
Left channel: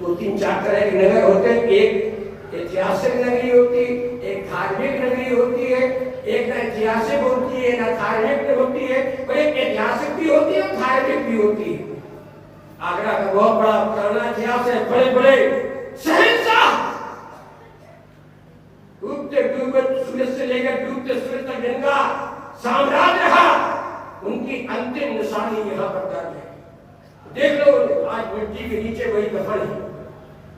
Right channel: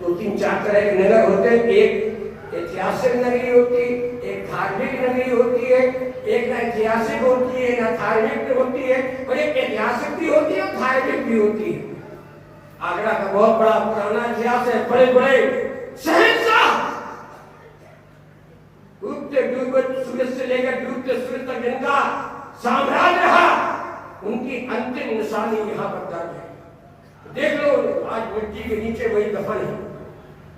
2-3-4 तरह के नगर होते हैं, एक ऐतिहासिक नगरी होती, एक धार्मिक नगरी होती है, एक ना ऐतिहासिक होती है ना धार्मिक होती है, और एक ऐतिहासिक भी होती है और धार्मिक भी होती है। आगरा का बहुत बड़ा पुराना इतिहास है, बड़े बड़े शहंशाह डूबते डूबते सूरज से लेकर डूबते सूरज तक जिनका साम्राज्य रहा, उनकी अंतिम निशानी यहाँ पर दर्ज है। देख लो, आज मिट्टी के नीचे वही दफन है।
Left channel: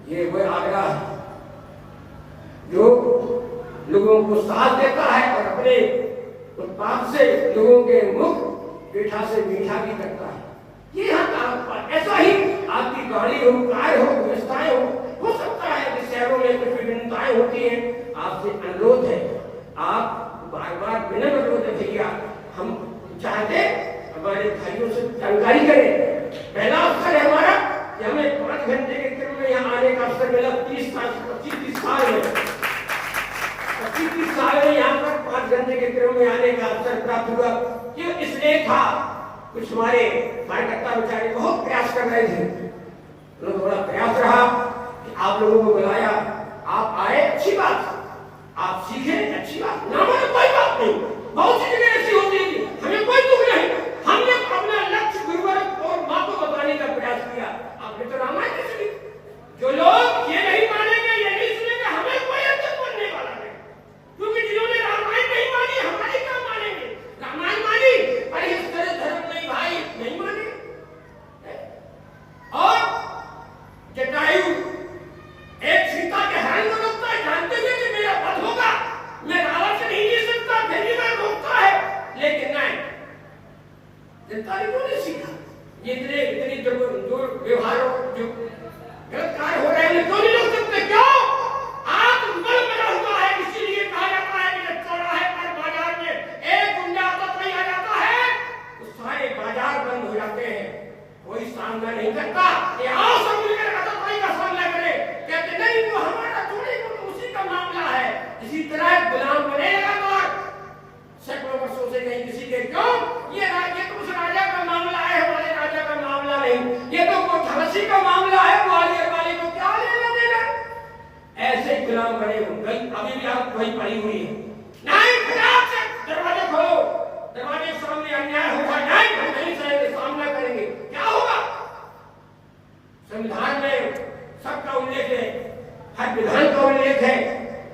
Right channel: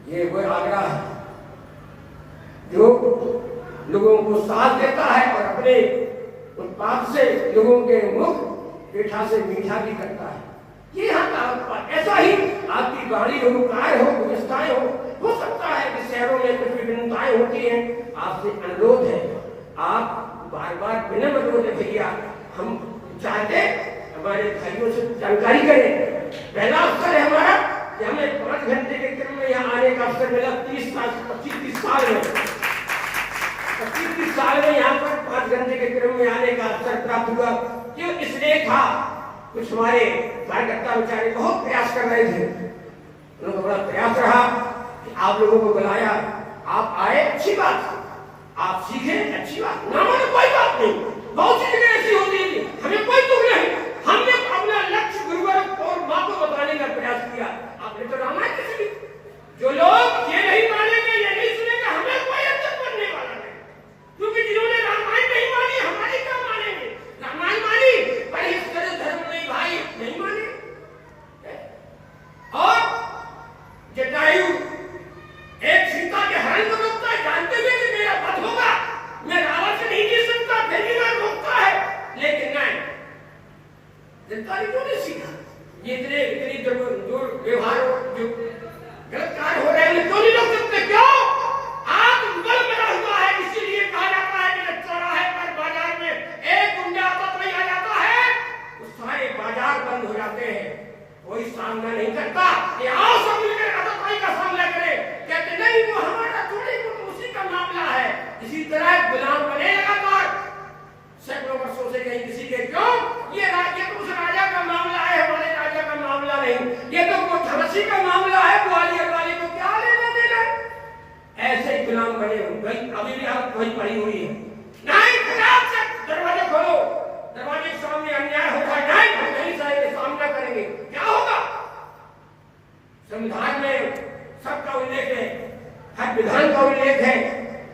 ये वह आगरा है जो लोगों को साथ देता है और अपने उत्पाद से लोगों के मुख मीठा से मीठा भी करता है। ये ऐसा ही आपकी गाड़ी हो, कार हो, व्यवस्थाएं हो सकता है कि शहरों में कुछ विभिन्नताएं होती हैं। आपसे अनुरोध है, आप बार बार विनम्र अनुरोध है भैया, हम चाहते हमारे भाइयों से जानकारी करें। पहला अवसर है हमारा कि हमें 5 घंटे के क्रम में यहाँ आने का अवसर मिला। 25-30 साल में 25-30 साल में यहाँ पर 5 घंटे के क्रम में आने का अवसर प्राप्त हुआ। क्यों? इसलिए था कुछ हमारे कार्यकर्ता बेचारे बहुत प्रयास कर रहे थे, उन्होंने बड़ा प्रयास रहा कि आप लोगों को बुलाया, आप आए, अच्छी बात, आप सीखे, अच्छी बात, ना माने कोई बात नहीं। बहुत सी जगह ऐसी होती है, हमें कोई दुख नहीं। हमने अपना लक्ष्य गुरुवर और माँ को बताने का प्रयास किया। आपने तो रामायण की सुनी। जो लोग ये नहीं मानेंगे, ये नहीं सुनेंगे, हमें कोई अंतर बनने वाला नहीं, क्योंकि जिन्होंने रामायण नहीं मानी, हमारी क्या मानेंगे? रामायण मानी पर इस तरह धर्म नहीं भाई, नहीं माने। और जटायु एक सीता के हरण को रोकता है, जानते हुए कि मेरा वध होगा, मैं रावण से नहीं जीत सकता, फिर भी मैं रोकता है, लेकिन नहीं, जटायु क्यों नहीं सीखा? ये इतनी दुर्व्यवहार जो गलत कार्य हो रहे हैं, क्यों नहीं रोक सकते? क्यों? आग बल बना हुआ है। इसीलिए कहा जाता है कि जब चौराहे पर बाजार में एक गुंडा तक नहीं आ जाता है तो सारे बाजार बंद हो जाते हैं, कोई सामना नहीं करता कि आओ सब मिलकर अतताई का सामना करें। कहते नहीं, वो हमारा थोड़ी, वो उसी का मामला है। इसी तरह गुलाम बने लगातार सैकड़ों वर्षों से कहीं किसी के। क्यों? ये राज्य तो उस राजा का मामला है, हमारे राजा का मामला नहीं। ये तो वो झांसी का मामला है, ग्वालियर वाले को क्या लेना देना। ऐसे ही गुलाम बने हो गई। अभी भी आप वही पड़ी हुई है। नहीं, खराब से दरवाजे खोलो, दरवाजे के सामने अन्याय होगा, नहीं हम कहीं से सामना करेंगे। क्या होगा? संविधान में सबका उल्लेख है, हर विधान का उल्लेख है।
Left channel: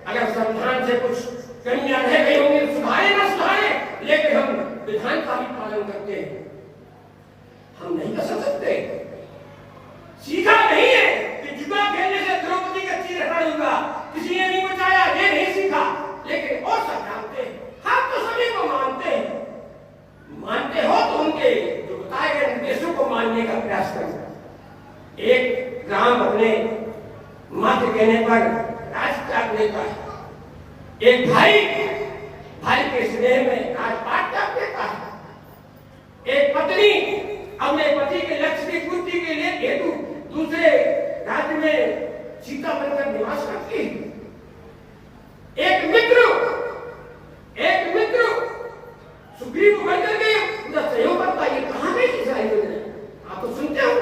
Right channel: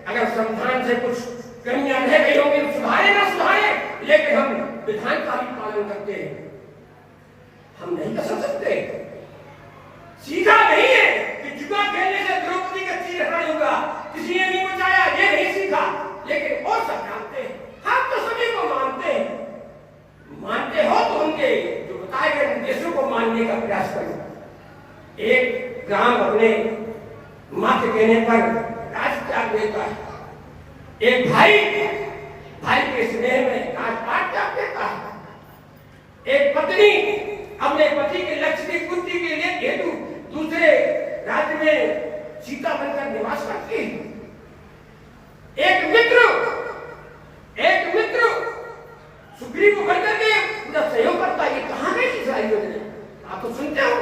अगर संविधान से कुछ कमियां रह गई होंगी तो सुधारे ना सुधारे, लेकिन हम विधान का भी पालन करते हैं। हम नहीं कर सकते, सीखा नहीं है कि जुआ खेलने से द्रौपदी का सिर हरण हुआ, किसी ने नहीं बचाया, ये नहीं सीखा। लेकिन और सब जानते हैं, हम तो सभी को मानते हैं। मानते हो तो उनके जो बताए गए उद्देश्यों को मानने का प्रयास करो। एक ग्राम अपने माँ के कहने पर राजपाट देता है, एक भाई के स्नेह में राजपाट त्याग देता है। एक पत्नी अपने पति के लक्ष्य की पूर्ति के लिए हेतु दूसरे राज्य में सीता बनकर निवास करती है। एक मित्र सुग्रीव को बनकर के पूरा सहयोग करता है। ये कहां गई थी सारी योजना? आप तो सुनते हो,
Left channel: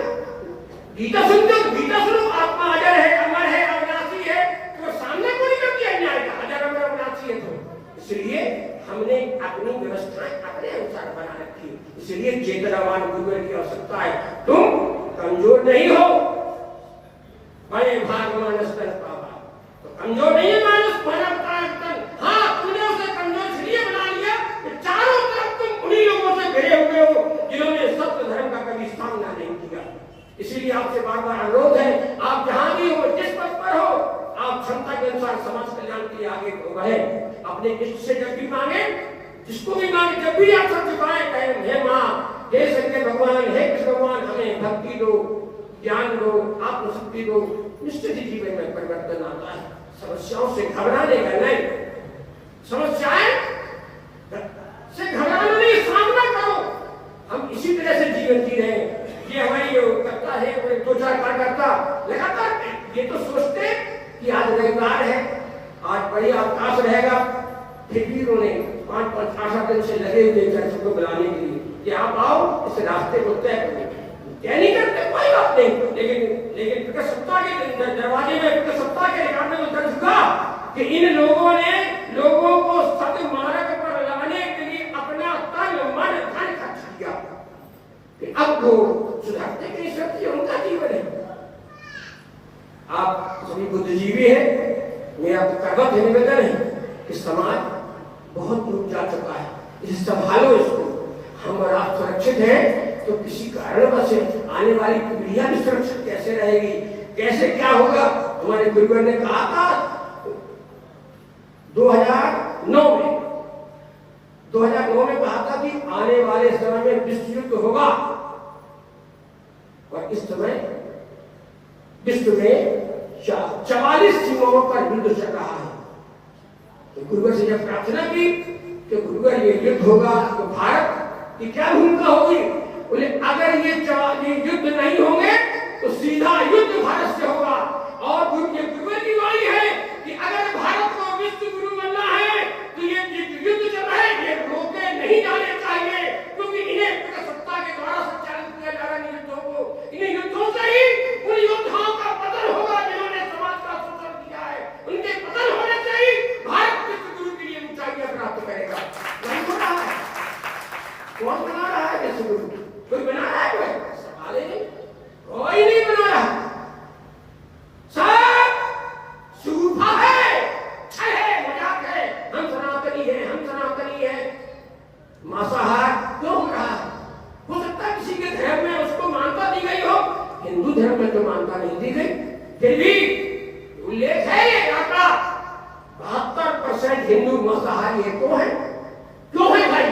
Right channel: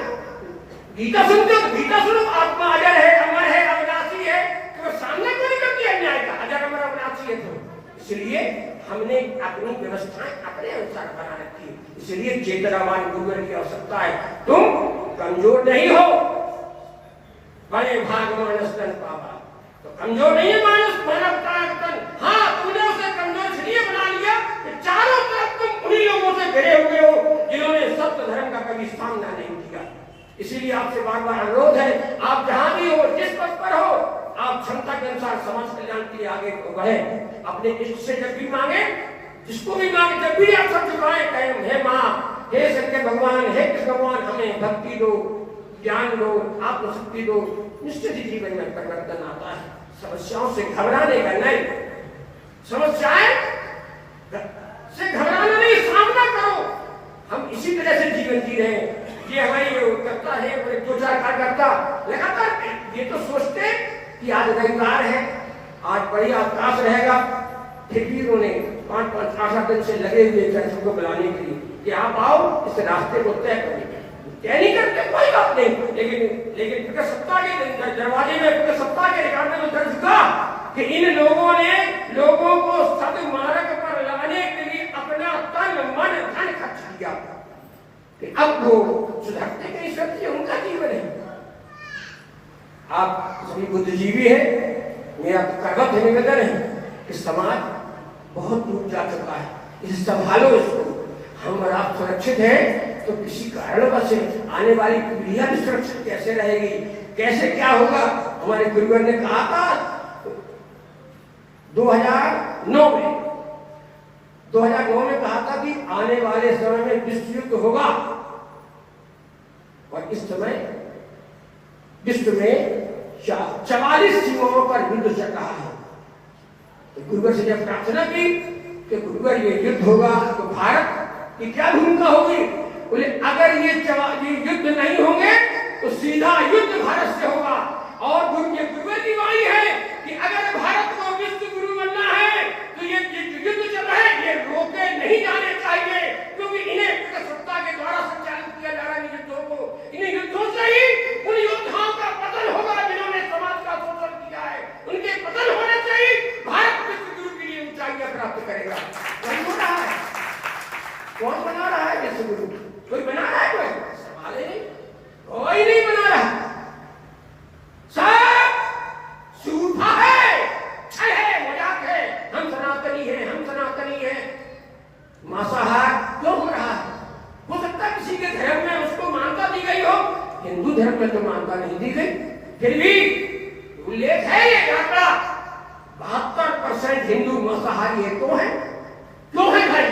गीता सुनते हो, गीता सुनो, आत्मा अजर है, अमर है, अविनाशी है, तो सामने क्यों नहीं करती है न्याय का? अजर अमर अविनाशी है तो इसलिए हमने अपनी व्यवस्था अपने अनुसार बना रखी है। इसलिए चेतनावान गुरुवर की आवश्यकता है। तुम कमजोर नहीं हो, बड़े भाग मानस तन पावा, तो कमजोर नहीं है मानस, मानव का तन। हाँ, तूने उसे कमजोर इसलिए बना लिया कि चारों तरफ तुम उन्हीं लोगों से घिरे हुए हो जिन्होंने सत्य धर्म का कभी सामना नहीं किया। इसीलिए आपसे बार बार अनुरोध है, आप जहां भी हो, जिस पद पर हो, आप क्षमता के अनुसार समाज कल्याण के लिए आगे बढ़े। अपने इष्ट से जब भी मांगे, जिसको भी मांगे, जब भी आप सब झुकाए, कहें हे माँ, हे शंकर भगवान, हे कृष्ण भगवान, हमें भक्ति दो, ज्ञान दो, आत्मशक्ति दो, निश्चित ही जीवन में परिवर्तन आता है। समस्याओं से घबराने का नहीं, समस्याएं से घबराना नहीं, सामना करो। हम इसी तरह से जीवन जी रहे हैं। ये हमारी करता है 2-4 कार्यकर्ता लगातार ये तो सोचते कि आज रविवार है, आज बढ़िया अवकाश रहेगा, फिर भी उन्होंने 5-8 दिन से लगे हुए थे सबको बुलाने के लिए कि आप आओ इस रास्ते को तय करें। तय नहीं करते कोई बात नहीं, लेकिन प्रजासत्ता के दरवाजे में, प्रजासत्ता के रिकॉर्ड में तो दर्ज हुआ कि इन लोगों ने लोगों को सदमार्ग पर लाने के लिए अपना तन मन धन खर्च किया कि अब वो सुधरते के सत्य उनका जीवन है। आप सभी बुद्धिजीवी हैं, मेरा करवत निवेदन है कि समाज बहुत दूर जा चुका है, इसे संभालो, इसको हम और आप सुरक्षित हैं तो किसी कारणवश आने वाली पीढ़ियां भी सुरक्षित कैसे रहेगी, कैसे क्या होगा। हमारे गुरुवर ने कहा था 2009 में कहा था कि आने वाले समय में विश्व युद्ध होगा, और इस समय विश्व में 44 सीमाओं पर युद्ध चल रहा है। तो गुरुवर से जब प्रार्थना की कि गुरुवर ये युद्ध होगा तो भारत की क्या भूमिका होगी, बोले अगर ये युद्ध नहीं होंगे तो सीधा युद्ध भारत से होगा। और गुरुवर की वाणी है कि अगर भारत को विश्व गुरु बनना है तो ये युद्ध चल रहा है, ये रोके नहीं जाने चाहिए, क्योंकि इन्हें प्रजासत्ता के द्वारा संचालित किया जा रहा है युद्धों को। इन्हें युद्धों से ही उन योद्धाओं का पतन होगा जिन्होंने समाज का शोषण किया है, उनके पतन होने से ही भारत विश्व गुरु के लिए ऊंचाइयां प्राप्त करेगा। नहीं हो रहा है, कौन बना रहा है विश्व गुरु? कोई बना रहा है? कोई सवाल ही नहीं, कोई नहीं बना रहा, सब झूठा है, छल है, मजाक है। हम सनातनी हैं, हम सनातनी हैं। मांसाहार क्यों हो रहा है? हो सकता है किसी के धर्म में उसको मान्यता दी गई हो, हिंदू धर्म में तो मान्यता नहीं दी गई, फिर भी उल्लेख है ये आंकड़ा 72% हिंदू मांसाहारी है। क्यों है? क्यों है भाई?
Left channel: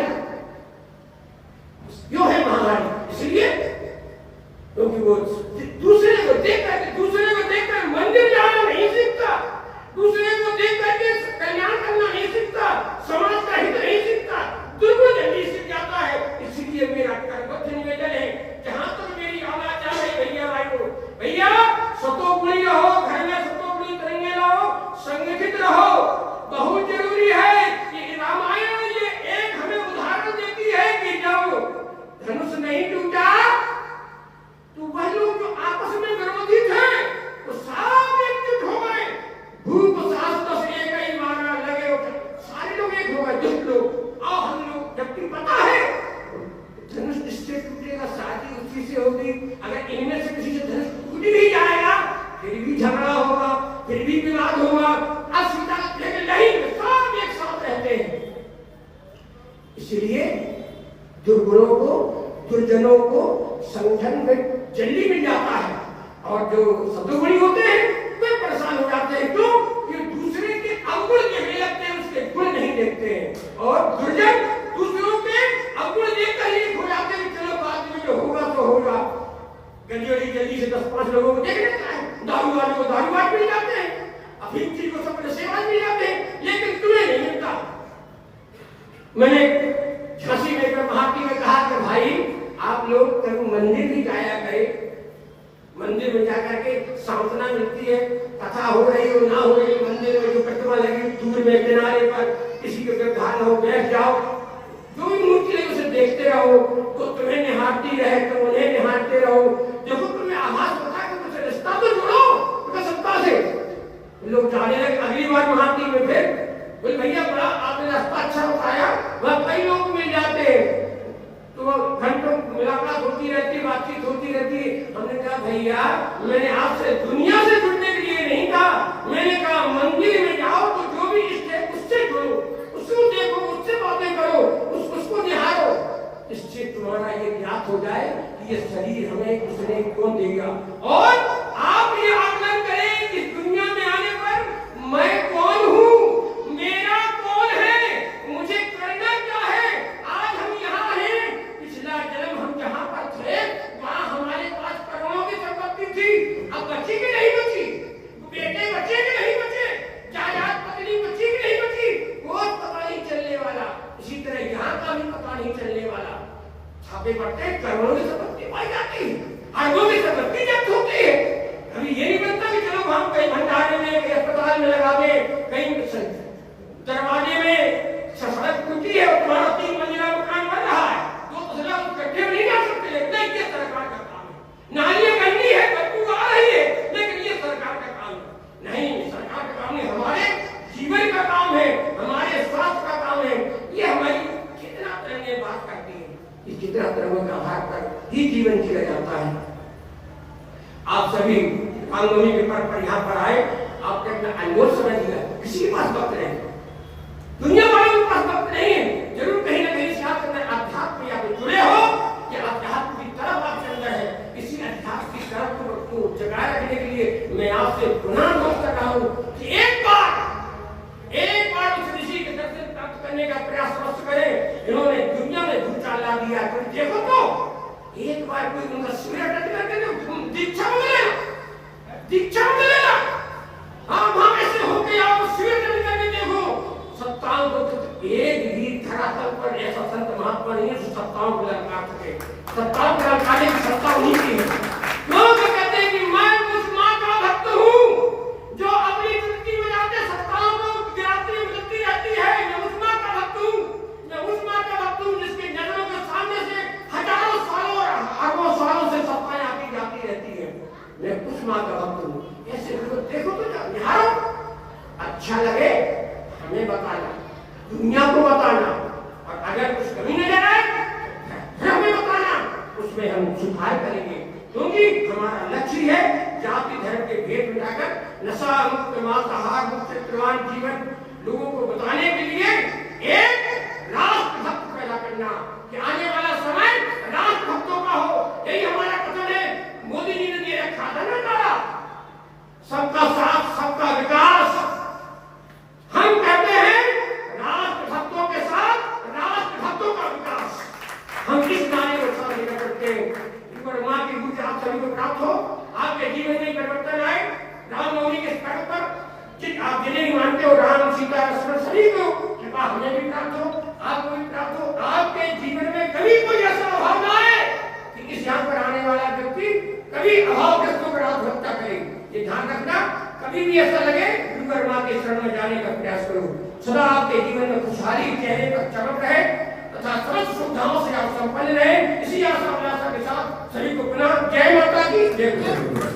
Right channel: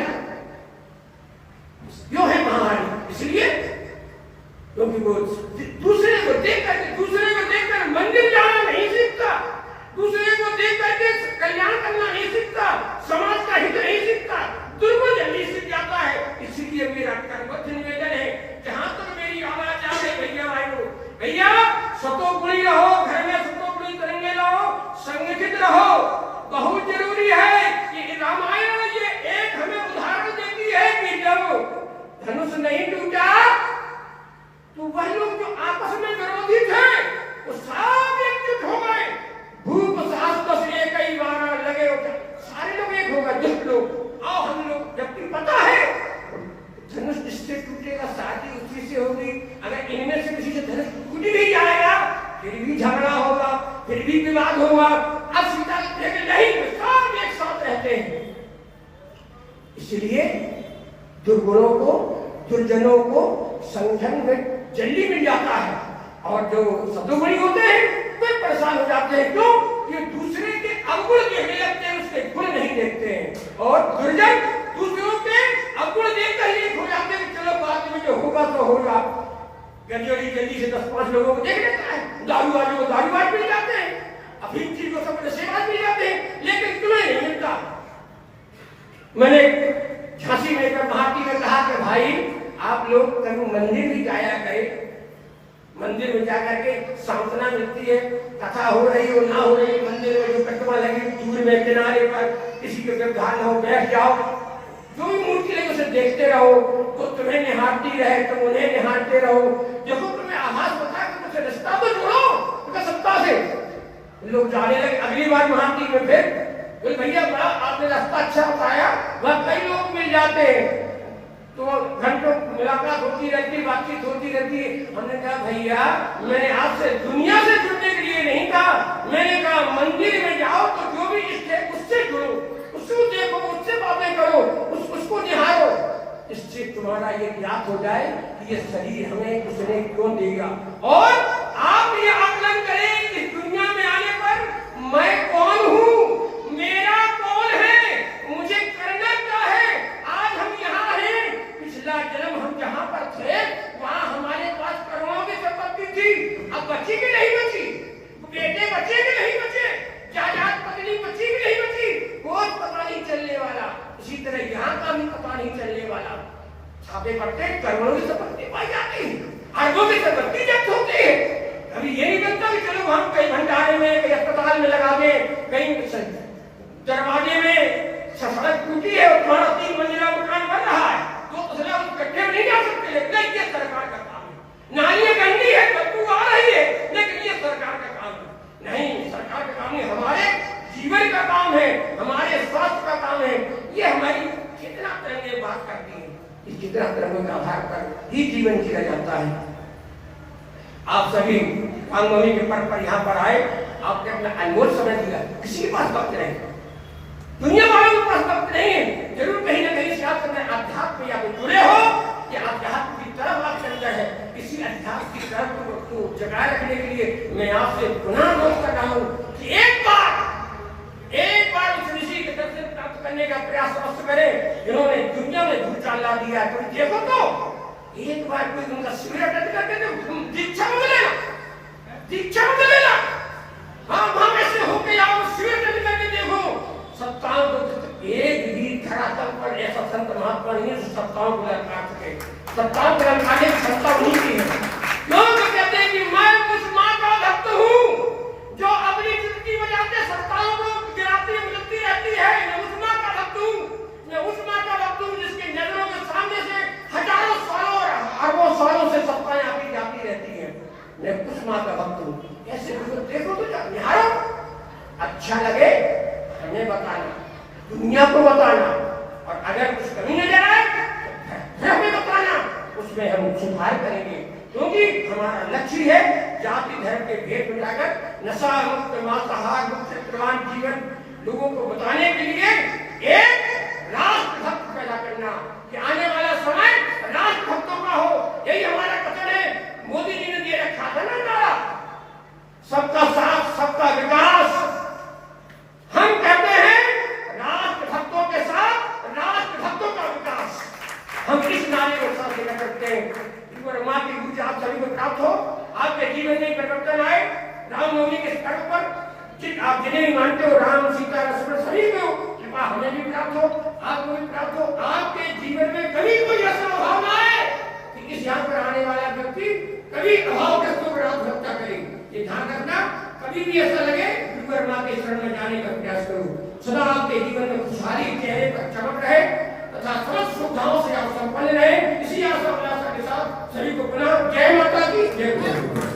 क्यों है महामारी? इसलिए क्योंकि वो दूसरे को देखकर मंदिर जाना नहीं सीखता, दूसरे को देख करके कल्याण करना नहीं सीखता, समाज का हित नहीं सीखता, दुर्गुण जल्दी सीख जाता है। इसीलिए मेरा करबद्ध निवेदन है, जहां तक मेरी आवाज आ रही भैया सतोगुणी रहो, घर में सतोगुणी करेंगे रहो, संगठित रहो। बहुत जरूरी है कि रामायण ये एक हमें उदाहरण देती है कि जब धनुष नहीं टूटा तो वह लोग जो आपस में विरोधी थे तो सब एकजुट हो गए। भूप सास एक ही मारा लगे, सारे लोग एक हो गए, दुष्ट लोग। आओ हम लोग, जबकि पता है धनुष जिससे टूटेगा शादी उसी से होगी। अगर इनमें से किसी से धनुष टूट भी जाएगा फिर भी झगड़ा होगा, फिर भी विवाद होगा। अब सीता नहीं, सब एक साथ रहते हैं। इसलिए दुर्गुणों को, दुर्जनों को संगठन में जल्दी मिल जाता है, और जो सदुगुणी होते हैं वे परेशान हो जाते हैं। क्यों? कि दूसरे के अवगुण देखने लगते हैं, उसके गुण नहीं देखते हैं। और दुर्जन दूसरों के अवगुण देखकर ही हो जाते हैं कि चलो बाद में जो होगा तो होगा। जल्दी से 10-5 लोगों को देख लेता है, दारूबाज को दारूबाज मिल जाते हैं, अफीम चीज को सब नशेबाज मिल जाते हैं, लेकिन तुम्हें नहीं मिलता। मैंने झांसी में एक महात्मा ने कहा कि भाई आप लोग कभी मंदिर भी जाया करें, मंदिर में जाकर के सांत्वना मिलती है, कथा हो रही हो ना हो रही, मंदिर में जो प्रतिमा लगी दूर में किनारे पर किसी के गर्भान हो, बैठ जाओ, जो भी मूर्ति है उसे देखते रहो, तो तुम्हें निहारती रहे, तुम उन्हें निहारते रहो। देखो तुम्हें आभास होता है कि मुझसे रिश्ता तो जोड़ो प्रजासत्ता से। लोग जाने लगे। अगली बार महात्मा में फिर भैया बड़ा आपने रास्ता अच्छा बताया, वह कई लोग मिल जाते हैं, तो घंटों मुलाकात होती रहती, बातचीत होती रहती। हमने कहा भैया मैंने आपसे दुनिया से जुड़ने के लिए नहीं कहा, मैंने कहा मंदिर में जाओ तो जो भी इष्ट है उससे जुड़ो, उसको देखो, उससे बातें करो, उसको निहारो। इससे तुम्हारा ये ज्ञात हो जाए कि ये शरीर हमें उसने क्यों देगा। और आप ये आकलन करें कि दुनिया में आने पर मैं कौन हूँ, मेरा कौन है, मुझे करना क्या है। आज हम यहाँ हैं, पिछला जन्म हम जहाँ पर थे वहाँ हमारे पास करोड़ों की संपत्ति थी, अब बची की नहीं बची, बेटे बचे कि नहीं बचे, जायदाद पत्नी बची कि नहीं बची, कोई पता नहीं चलने वाला। इसी तरह यहाँ का भी पता नहीं चलने वाला। छापे पड़ते करते करोड़ों की संपत्ति पाई जाती है, अरबों की संपत्ति जब्त होती है। अभी ये नहीं बनता कि चलो हम कहीं भंडारे में, कहीं अस्पताल में लगा दें, कहीं दरवाजे में सड़क टूटी है और तुम्हारा 3 मंजिला मकान बन रहा है, तो तसला इकट्ठे नहीं जा सकते। लेकिन ये सरकार का काम है। नालियां गंदी है, बदबू आ रही है, लेकिन ये सरकार का काम है नहीं। सरकार का काम है, हमारे जीवन का काम है, हमारे स्वास्थ्य का काम है। ये हमारी चेतना तरंगे बात करती है कि चेतना तरंगों के आधार पर ही जीवन जिया जाता है। आप सभी रामनवमी के पर्व पर यहाँ पर आए, आपने अपना अनमोल समय दिया। किसी के पास वक्त नहीं, दुनिया वालों के पास वक्त नहीं है। जरूर कहीं ना कहीं से आप अध्यात्म या तो जुड़े हो या अध्यात्म की तरफ आप चल रहे हैं। इसी अध्यात्म की तरफ को जगाए रखने के लिए मैं आपसे पुनः अनुरोध कर रहा हूँ कि एक बार उस ऋषि के दर्शन प्राप्त करने का प्रयास अवश्य करें। इन्होंने दुनिया में झूठा ला दिया, तो देखो तो एक बार कोई उनका शिविर अटेंड करके तो दीक्षा में मिलेगा। हाँ, वहां ऐसे होके आओ, शिविर अटेंड करके देखो। सत्ताओं को एक भी धरातल पर ऐसा संत महात्मा नहीं है सत्ताओं को ललकार सके। सत्ताओं को ललकारने की क्षमता उन्हीं की है। लोग कहते हैं कि मैं उस मां का भक्त हूँ जो अपनी जिंदगी में जाते सत्ताओं को गिराती मिलती रहती है। मैं उस मां का भक्त हूँ जिसके नजरों के सामने से हजारों सालों और अरबों सालों से सत्ताएं आती जाती रहती है। मैं उस मां का भक्त हूँ। ऐसे देखो तो निहारो, अच्छा लगे हमें बताना, दुनिया को बताना, और अगर कुछ कमी नजर आए फिर हमें बताना, उसमें हम सुधार करेंगे। क्योंकि हमारा लक्ष्य है जाति धर्म के भेद मिटाकर नशा मुक्त, मांसाहार मुक्त, चरित्रवान जीवन लोगों को बताने के लिए एक राष्ट्रभक्त पैदा करना कि आने वाला समय राष्ट्रभक्तों का हो। यही हमारा कथन है। मोदी जी ने दे रखा था ना नारा, सबका साथ सबका विकास। हम कहते हैं राष्ट्रभक्तों के साथ राष्ट्रभक्तों का विकास। हम इस नारे को साथ लेकर करते हैं। मां की ऊर्जा आप सभी को प्राप्त हो, आपके जीवन में परिवर्तन आए। रामनवमी के पर्व पर आप जिन्हें भी मानते हो, राम सीता का स्मरण सभी को कृपा हमें भी प्राप्त हो, आपको भी प्राप्त हो। आपके जीवन में कभी कोई ऐसा अभाव ना आए कि इस यहाँ पर आने वाला व्यक्ति कभी अभावग्रस्तों पर आत्महत्या करे। ये ध्यान रखना, कभी भी ऐसा लगे डूंगर मां के शरण में जाने का प्रयास करो। सदा आपके जीवन में खुशहाली चेहरे पर चमक रहे तथा समस्त सुविधाओं से आप संपन्न रहे। इसी आशा के साथ सभी को पुनः जय माता की जय।